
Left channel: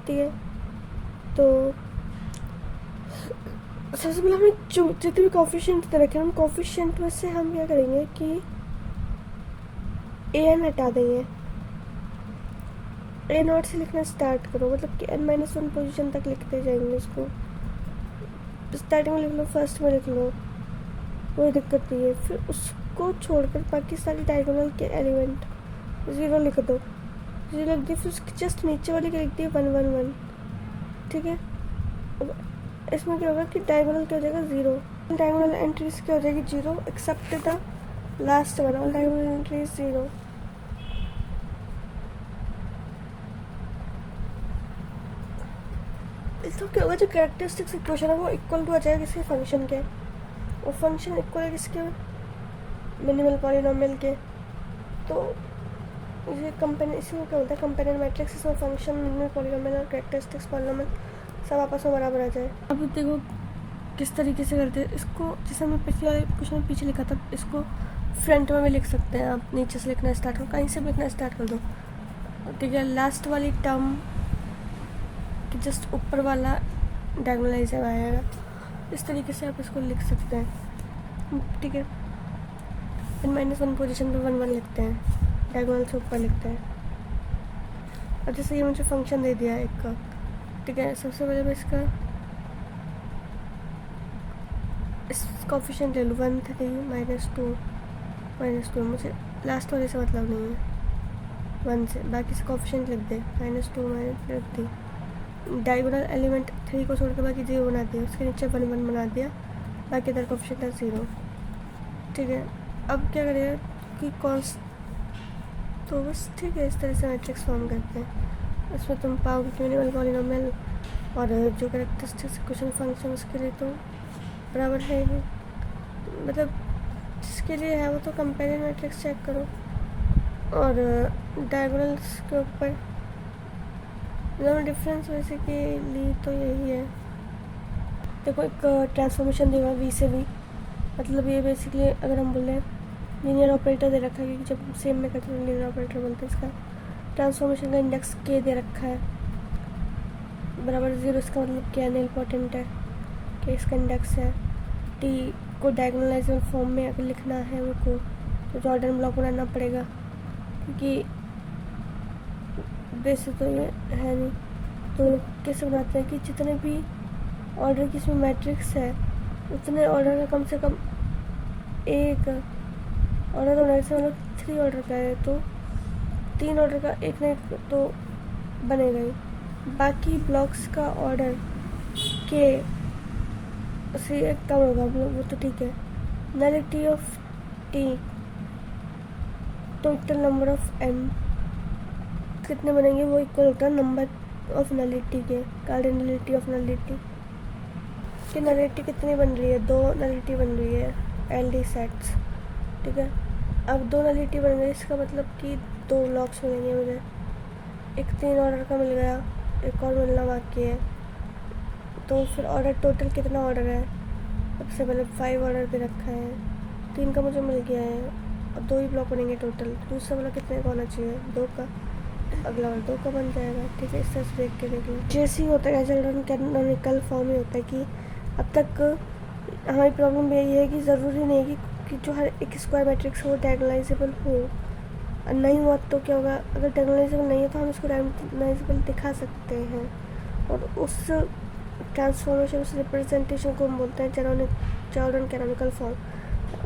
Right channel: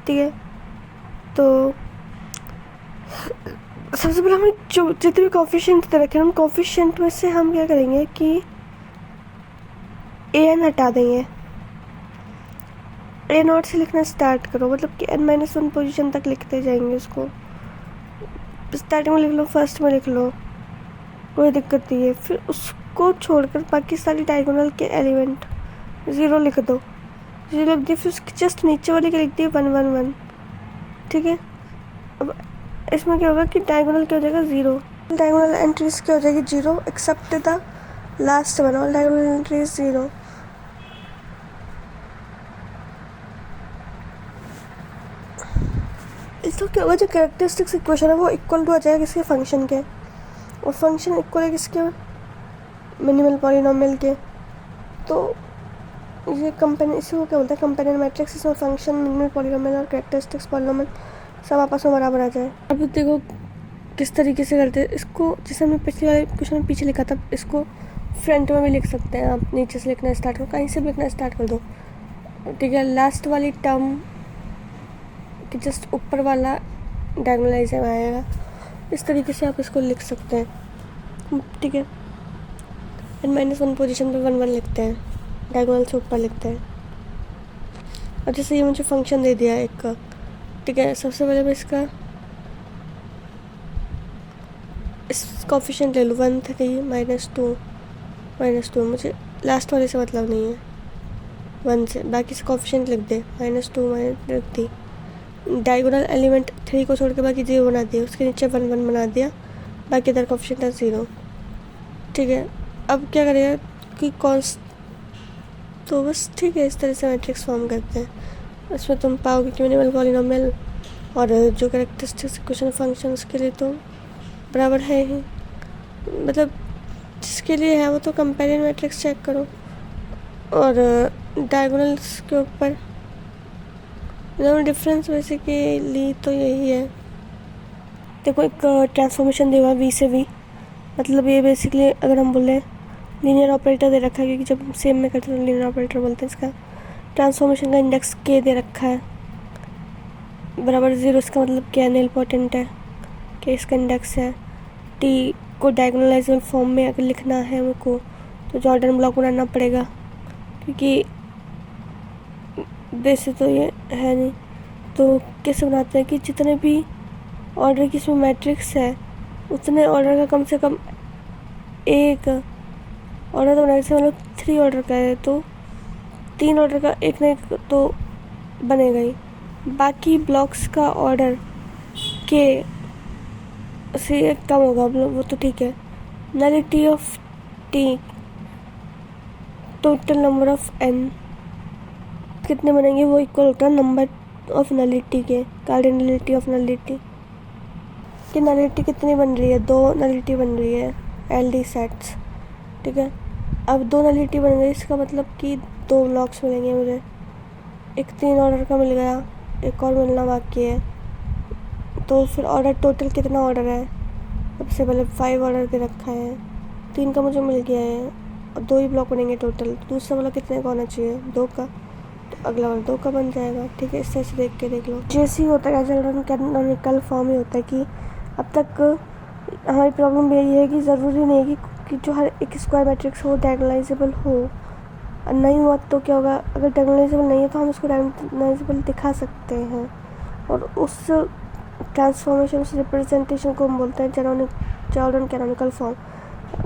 ठीक है, तो सबसे पहले हमें जो जितने भी कोफिशिएंट दे रखे हैं उन कोफिशिएंट में से हम क्या करेंगे कि an हटा देंगे। a नॉट से लिखना स्टार्ट करो, मतलब कि n-1 पोजीशन तक लिखते जाएंगे। उसको स्टार्टिंग में लिख लो, फर्स्ट में लिख लो, कोई दिक्कत नहीं है। फिर उसको छोड़कर बाकी सारी डायगोनल के एलिमेंट 0 लिख दो। 0 लिख दिए, फिर उसके जस्ट नीचे वाले के लिख दिए 1 1 1। ठीक है, अब इसमें क्या होगा कि डायगोनल क्या हो जाएगा 0, डायगोनल एंट्रीज क्या हो जाएगी 0 except the last one, all diagonal entries 0। इसको क्या होगा, जो कैरेक्टरिस्टिक्स इक्वेशन है वो इक्वल टू आ जाएगा किसके, फंक्शन के, और फंक्शन इक्वल है किसके, मिनिमल पॉलीनोमियल के। तो ये कंपेनियन, इसी को क्या बोलते हैं, कंपेनियन मैट्रिक्स। इसमें फंक्शन, मिनिमल पॉलीनोमियल और कैरेक्टरिस्टिक्स पॉलीनोमियल सब आपस में बराबर आ जाए। अब देखो किस तरीके से करते हैं इसको, जैसे हमने पिछले वाले क्वेश्चन में पीछे लिखा था, इसको फ्रंट में भी लिख सकते हैं आप। नीचे से लिखना स्टार्ट करो, कहीं से भी लिखना स्टार्ट कर दो। ठीक है, लास्ट वाली टर्म कि जस्ट ऊपर वाला डायगोनलाइजर आएगा, इस तरीके से आप इसको लिख सकते हैं। ठीक है, n-1 पोजीशन पे 1 1 लिखते हैं, डायगोनल से ऊपर लिखते हैं। और जैसे ये मुझे फंक्शन दे दिया एक का, ठीक है, सबसे पहले मैं इसका इस कोफिशिएंट ले लूँ 1 3 -2 मुझे लास्ट वाले से मतलब नहीं है 1 से, बाकी से कोफिशिएंट लिख दे -2 -3। डायगोनल एलिमेंट 3 को छोड़ के बाकी 0 बना दिया, उसके नीचे 1 1 बना दिया, बाकी इधर कोफिशिएंट है 0। ठीक है, अब क्या करेगा कि कॉन्स्ट, तो बस ठीक है, इस तरह से मैट्रिक्स फॉर्म करते हैं। उसमें तुम पाओगे कि मिनिमल पॉलीनोमियल और जो कैरेक्टरिस्टिक्स इक्वेशन फंक्शन उसके लिए तो बराबर है ही, मतलब जिसके लिए है वो तो कंपेरियन मैट्रिक्स चेक करो। और डायगोनल्स के ऊपर डिफरेंस बेसिकली तो यही है। देखो एक ट्रांसफॉर्मेशन दिया हुआ वी से वी, मतलब ये बेसिकली अगर हम बोले लीनियर ऑपरेटर दे रखा है, क्योंकि जब सेम में करते हैं लीनियर ऑपरेटर बोलते हैं। इसका ट्रांसफॉर्मेशन का इंडेक्स के दे रखा है बराबर 0, इसका मतलब क्या है, इम्पोर्टेंट है कि इसका इंडेक्स है। टी को डायगोनलाइजेबल फॉर्म में अगर लिखना है उनको तो जॉर्डन ब्लॉक बनाना पड़ेगा, क्योंकि वैसे तो ये है नहीं। तो कैसे बनाते हैं कि जितने भी ऑर्डर की इसमें मैट्रिक्स है उतने ऑर्डर का कम से कम एक ऑर्डर, तो जैसे मतलब 3 ऑर्डर का है तो 3 ऑर्डर का एक ना एक तो बनेगा ही। बाकी ब्लॉक्स का ऑर्डर के से कम होगा वो तो ठीक है। Nullity of T, total number of N कितने बनेंगे वो इक्वल होता है नंबर ऑफ नलिटी के, कार्डिनलिटी ऑफ नलिटी कि नलिटी कितनी बन रही है, 2 नलिटी बन रही है एल डी सेट्स। ठीक है, अब 2 नलिटी बन गई, इसका मतलब कि 2 ब्लॉक्स मिलेंगे मुझे। एक 3 ऑर्डर का मिल गया, एक और मिलना बाकी है। तो फिर ऑर्डर टोटल कितना ऑर्डर है, सबसे पहले 5 ऑर्डर दे रखा है, 3 का मुझे मिल गया है और 2 ही ब्लॉक बनेंगे टोटल। दूसरा वाला कितने का होना चाहिए, 2 का, तो अगला वाला 2 का बन जाएगा। ठीक है, इस तरह से देख के देख लो। जैसे ही होता है एज कैनोनिकल फॉर्म ही होता है कि अब तक हमारी प्रॉब्लम यही है कि ज़रूरी नहीं है कि जो हर एक स्क्वायर मैट्रिक्स हो डायगोनलाइजेबल हो। नहीं हुआ तो क्या होगा, अगर डायगोनलाइजेबल नहीं है तो हम इसको डायगोनलाइजेबल दिखा सकते हैं, और उस ट्रांसफॉर्मेशन, उस रिप्रेजेंटेशन को हम बोलते हैं जॉर्डन कैनोनिकल फॉर्म।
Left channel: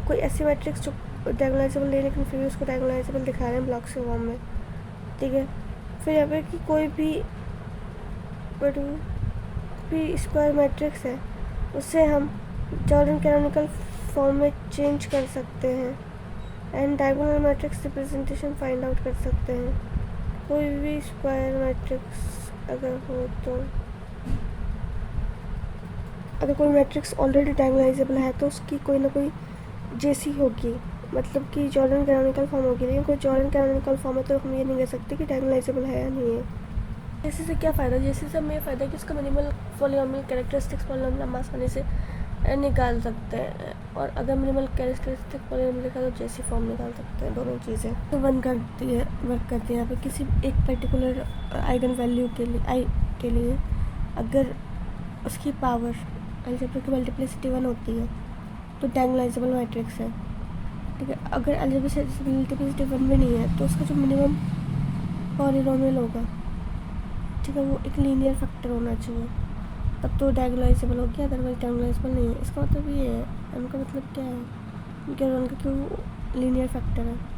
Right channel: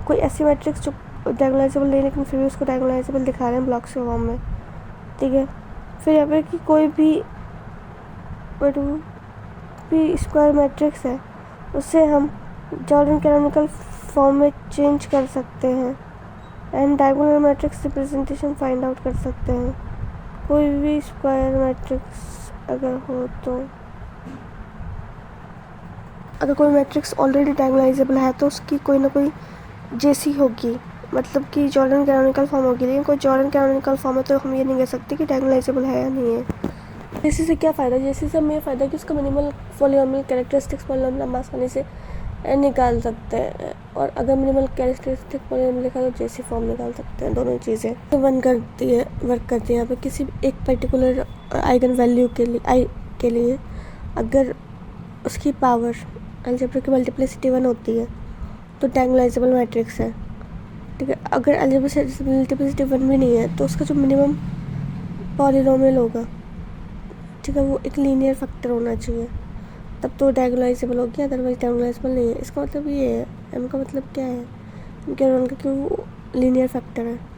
कोई ऐसी मैट्रिक्स जो डायगोनलाइजेबल नहीं लेकिन फिर भी उसको डायगोनलाइजेबल दिखा रहे हैं ब्लॉक्स के फॉर्म में। ठीक है, फिर यहाँ पे कि कोई भी स्क्वायर मैट्रिक्स है उससे हम जॉर्डन कैनोनिकल फॉर्म में चेंज कर सकते हैं and diagonal matrix representation find out कर सकते हैं। कोई भी स्क्वायर मैट्रिक्स अगर हो तो, अगर कोई मैट्रिक्स ऑलरेडी डायगोनलाइजेबल है तो उसकी कोई ना कोई जेसी होगी मतलब कि जॉर्डन कैनोनिकल फॉर्म होगी, लेकिन कोई जॉर्डन कैनोनिकल फॉर्म है तो हम ये नहीं कह सकते कि डायगोनलाइजेबल है या नहीं है। जेसी से क्या फ़ायदा, जेसी से हमें ये फ़ायदा कि उसका मिनिमल पॉलीनोमियल कैरेक्टरिस्टिक्स पॉलीनोमियल हम आसानी से निकाल सकते हैं, और अगर मिनिमल कैरेक्टरिस्टिक पॉलीनोमियल लिखा तो जेसी फॉर्म निकाल सकते हैं। दोनों चीज़ें तो वर्क करती है यहाँ पे किसी एक पर्टिकुलर आइगन वैल्यू के लिए अगर उसकी पावर अलजेब्रिक मल्टीप्लिसिटी 1 होती है तो डायगोनलाइजेबल मैट्रिक्स है, ठीक है। अगर अलजेब्रिक मल्टीप्लिसिटी 1 भी नहीं है तो उसका जो मिनिमम पॉलीनोमियल होगा, ठीक है, वो एक लीनियर फैक्टर होना चाहिए, तब तो डायगोनलाइजेबल हो गया, अदरवाइज डायगोनलाइजेबल नहीं है। इसका मतलब ये है, एम का मतलब क्या है, क्योंकि वो लीनियर फैक्टर है।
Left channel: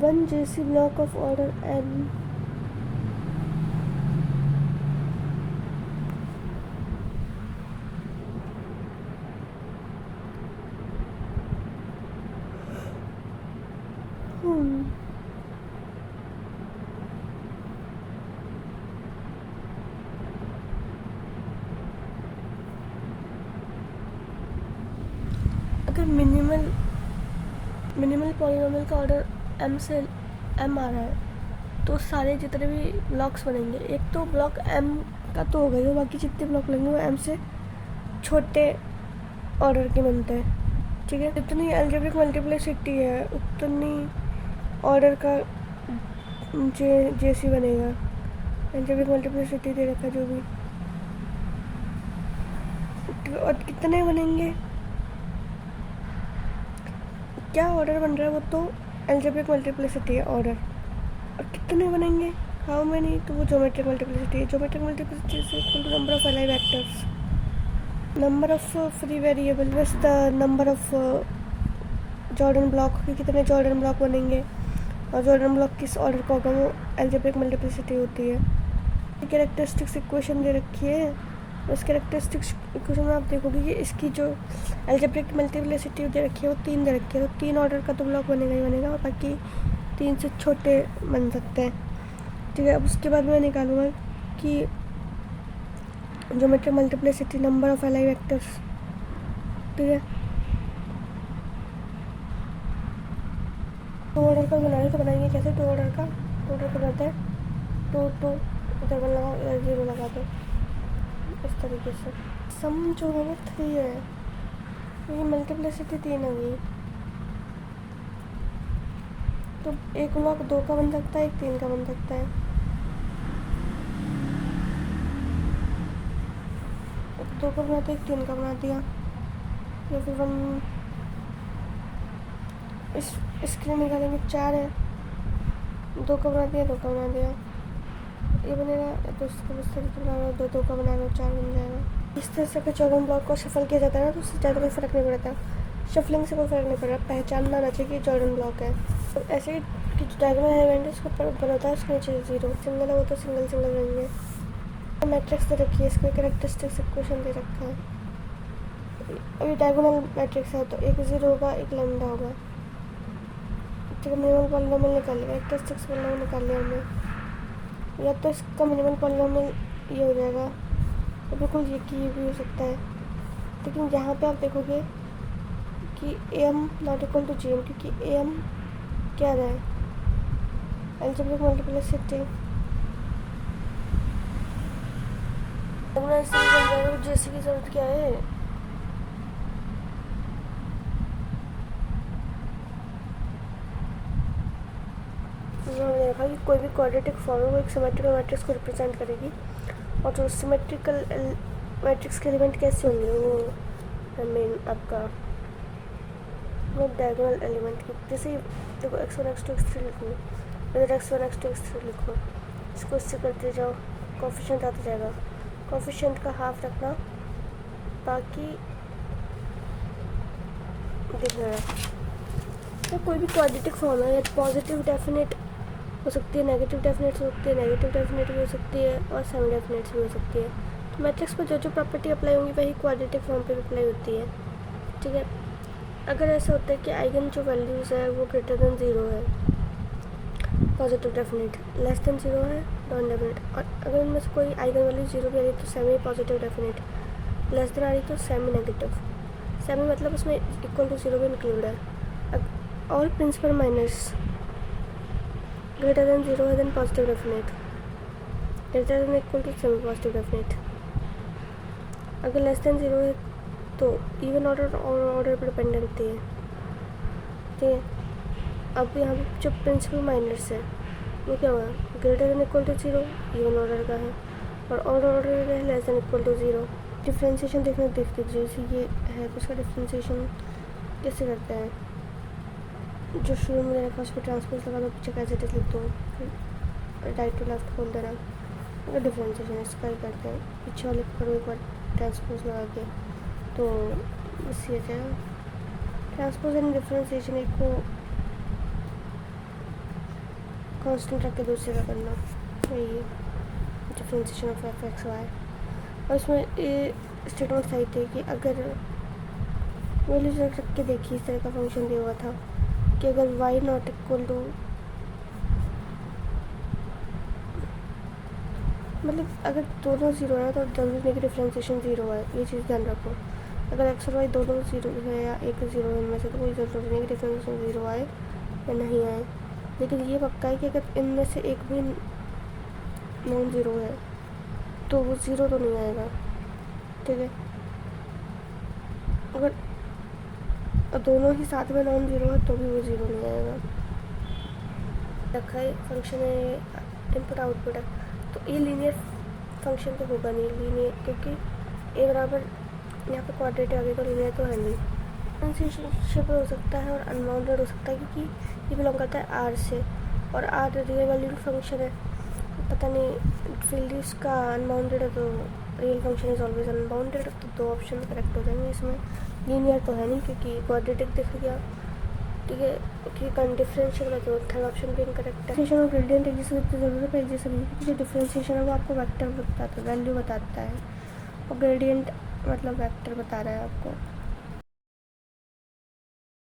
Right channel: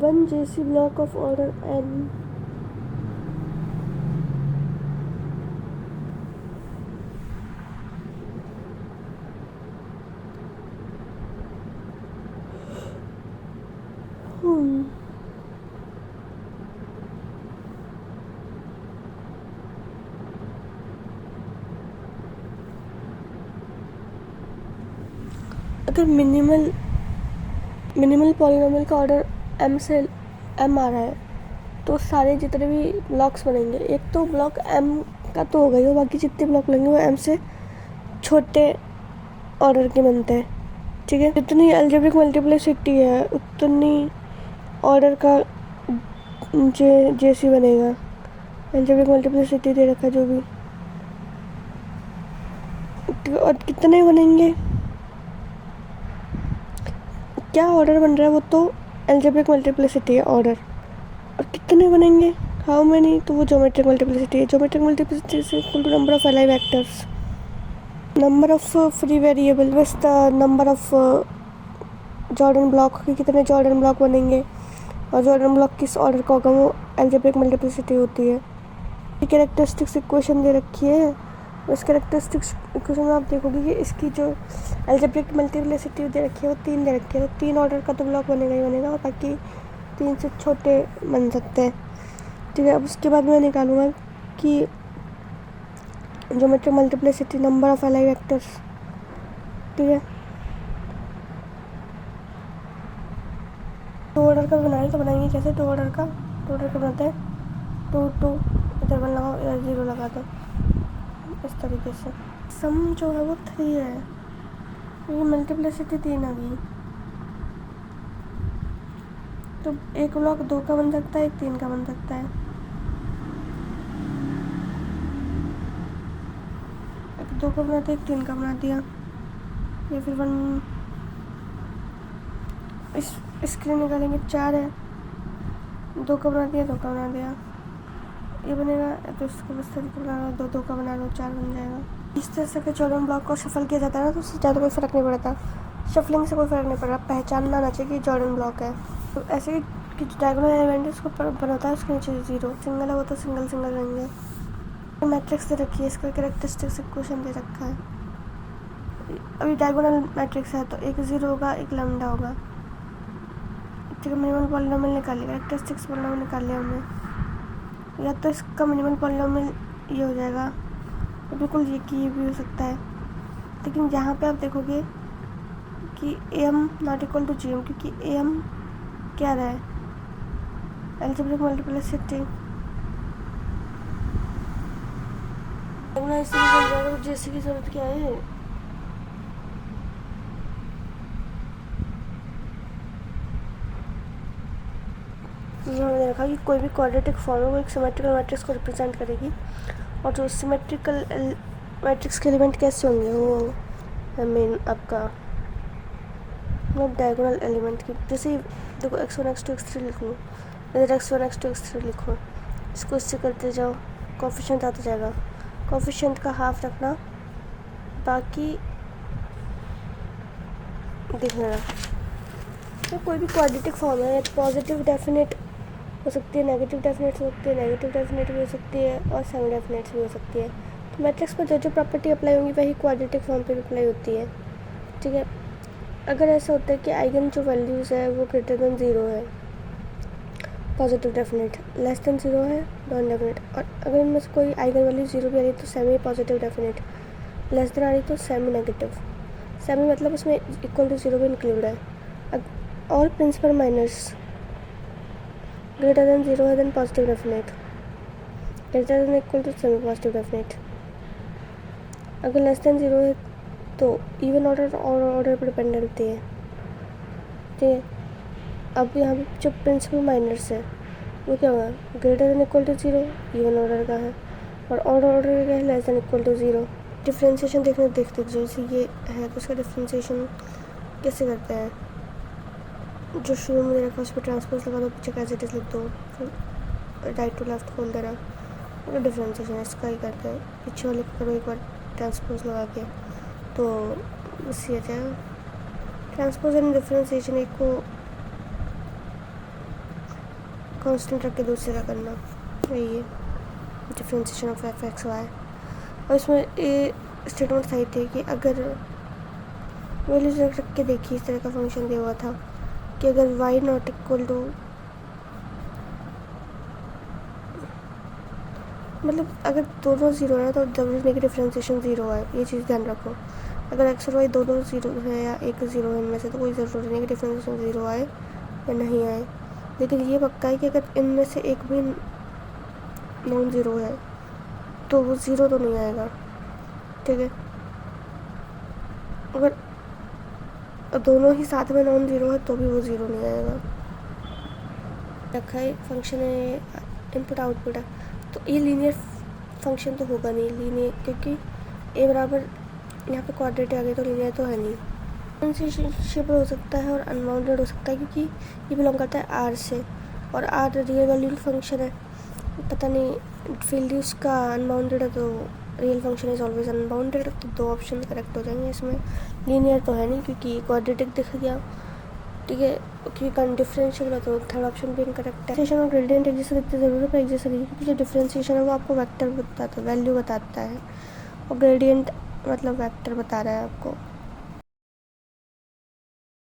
One JC block of order n अगर मिनिमल पॉलीनोमियल का ऑर्डर m से m आ रहा है तो सारे जितने भी ब्लॉक्स बनेंगे, एक तो ब्लॉक m का तो होगा ही, बाकी जितने ब्लॉक बनेंगे वो m से छोटे ऑर्डर के बनते हैं, ठीक है। जितनी अलजेब्रिक मल्टीप्लिसिटी है उतनी ऑर्डर का जेसी बनेगा। अलजेब्रिक मल्टीप्लिसिटी दे रखा जो भी, और कितने बनेंगे, क्या ऑर्डर बन रहा है वो तो अलजेब्रिक मल्टीप्लिसिटी है ऑर्डर, और कितने बनेंगे, हाउ मेनी, तो वो ज्योमेट्रिक मल्टीप्लिसिटी है। Geometric multiplicity is equal to number of अलाइ vectors, number of free variable बस the number of Jordan block, कितने जॉर्डन ब्लॉक बनेंगे, और जॉर्डन ब्लॉक किस ऑर्डर का होगा वो अलजेब्रिक मल्टीप्लिसिटी होती है। कैरेक्टरिस्टिक्स इक्वेशन दे रखी है, उस कैरेक्टरिस्टिक्स इक्वेशन में आप देखोगे कि इसकी जो अलजेब्रिक मल्टीप्लिसिटी दे रखी है वो 3 दे रखी है, तो 3 ऑर्डर का तो ब्लॉक बनेगा ही बनेगा, और बाकी 3 से छोटे बन सकते हैं, ठीक है। अब उसके बाद मैं निकालूंगा कि ज्योमेट्रिक मल्टीप्लिसिटी नंबर ऑफ अलाइ वेक्टर्स, ठीक है। 2 ऑर्डर का बनाए तो बनाएंगे कैसे, 2 ऑर्डर का बनाते हैं 2 इधर 1 लगाओ, इधर 0 लगा दो, इस तरीके से। सम जो है वो 3 है, ये मल्टीप्लिसिटी 3 आ गई, तो एक ब्लॉक 2 का बन सकता है, एक 3 का बन सकता है। एक 2 का बनाते, एक 3 का बना दिया, या फिर 1 इसके लिए निकालेंगे 4 है, 2 का बना दिया, 2 का बना दिया, ये बनेगा, तो इसको बस तरीके बना लो, 2 का बना लो, 4 बन जाएगा। इस तरह से जॉर्डन ब्लॉक को शफल किया जाता है ना, तो उससे ज़्यादा कोई फ़र्क नहीं पड़ता, शफलिंग से कोई फ़र्क नहीं पड़ रहा, पहचानना आना चाहिए कि जॉर्डन ब्लॉक है। तो ऐसे ही कि डायगोनल एलिमेंट है उसको बनाता है, उसके नीचे 0, सिंगल है वो तो सिंगल रहेंगे। तो मैट्रिक्स दे रखी है, इसका कैरेक्टरिस्टिक्स इक्वेशन दे रखा है। अभी डायगोनल मैट्रिक्स है तो एक 0 होगा, एक लैम्डा होगा, ठीक है। मिनिमल पॉलीनोमियल निकाल लिया, कैरेक्टरिस्टिक्स पॉलीनोमियल निकाल लिया हमने, या तो इसका मिनिमल पॉलीनोमियल ये हो जाएगा, तो बिल्कुल ये कि ये भी हो सकता है, लेकिन यहाँ पे आप देखोगे कि am not equal to gm, क्योंकि am क्या रहा है, अलजेब्रिक मल्टीप्लिसिटी, जेसी की जरूरत क्या है, हमने देखा कि कोई भी क्वाड्रेटिक फॉर्म है वो एक सिमेट्रिकल मैट्रिक्स को रिप्रेजेंट करेगी, और जो सिमेट्रिकल मैट्रिक्स के एलिमेंट कैसे होंगे वो मेन आपका मतलब डायगोनल एलिमेंट की, जैसे देखो x1 x2 x3 लिखूँ, इधर x1 x2 x3 लिखो, इसको इससे करते जाओ, कोफिशिएंट आता जाएगा, कोफिशिएंट का हाफ रखना, बाकी दिखना। तो कोई भी क्वाड्रेटिक फॉर्म है, पॉजिटिव डेफिनेट हो सकती है, नेगेटिव डेफिनेट हो सकती है, नेगेटिव डेफिनेट भी हो सकती है, और सेमी डेफिनेट भी हो सकती है। मैट्रिक्स पर जो प्रॉपर्टी अप्लाई होंगी वही क्वाड्रेटिक फॉर्म पे भी अप्लाई होती है, ठीक है। अगर ऐसा होता है कि आइगन जो वैल्यूज़ है वो ग्रेटर देन 0 है, पॉजिटिव डेफिनेट, लेस देन 0 है नॉन डेफिनेट, और अगर उनमें से कोई आइगन वैल्यू 0 भी आ रही तो semi positive definite, less than आ रही तो सेमी नेगेटिव। सेमी मतलब इसमें इक्वल टू 0 भी इंक्लूड है। All principal minus greater than 0 है then positive definite, greater than equal to semi positive definite. अगर लेस देन 0 है तो इवन ऑर्डर और ऑर्डर पर डिपेंड करती है, ठीक है। अब यहाँ पे जो प्रिंसिपल माइनर्स है वो क्या हुआ, greater than equal to 0 even order का है, और ऑर्डर का है less than equal to 0। Differentiation देखते जैसे ये है तो उसका डिफ्रेंशिएशन कैसे करते हैं, जो शुरू में मेरे पास पे ट्रांसपोज लगा दो, पीछे कैसे लिख दो, फिर राइट टू लेफ्ट खोल दे रहा, तो डिफ्रेंशिएशन इसका ही करते हैं। पीछे वाले करो एक बार ट्रांसपोज लगा के, तो बस ये था ट्रांसपोज एंड डिफ्रेंशिएशन, एक को कांस्टेंट रख के दूसरे का करना, यही है differentiation of F X Y. और इसमें ये स्टेटमेंट सही थे कि अगर वैल्यूज रख के देखिए, इस तरह का फंक्शन दिया हुआ था कि अगर y नॉट इक्वल टू, मतलब अगर दोनों 0 है तो जरूरी नहीं डिफ्रेंशिएशन 0 है, ये चीज़ ध्यान रखो। अगर x और y दोनों 0 है या एक 0 है इनमें से तो कोई ज़रूरी नहीं कि डिफ्रेंशिएशन 0 आए या नहीं आए, लेकिन ये पक्का है कि अगर इनमें से एक भी नॉन 0 है तो वो 0 तो नहीं आएगा, ठीक है। अगर दोनों ही साथ में नॉन 0 है तो भी वो 0 नहीं आएगा। रखा है फंक्शन है इनपुट आउटपुट है, तो ये लीनियर फंक्शन तो होगा नहीं लीनियर, क्योंकि ए बराबर यहाँ पे क्वाड्रेटिक आ गई तो लीनियर तो है नहीं। डिफरेंशिएबल हो सकता है और अनबाउंडेड हो सकता है, क्योंकि ये बिलोंग करता है आर से, और आर रियल वैल्यूड फंक्शन है। पता नहीं फील्ड उसका अनबाउंडेड है तो real function is always unbounded, तो दो ऑप्शन करेक्ट हो जाएंगे इसमें। लीनियर तो है नहीं क्योंकि क्वाड्रेटिक दिख गया, ठीक है, क्योंकि डिफरेंशियल है तो थर्ड ऑप्शन भी इनकरेक्ट है। डिफरेंशिएशन और ग्रेडियंट एक जैसे दिखते ज़रूरत है एक जैसे नहीं, क्योंकि जो डिफरेंशिएशन है वो आपको वेक्टर बताता है, वैल्यू बताता है, और ग्रेडियंट मतलब वेक्टर बता रहा है आपको।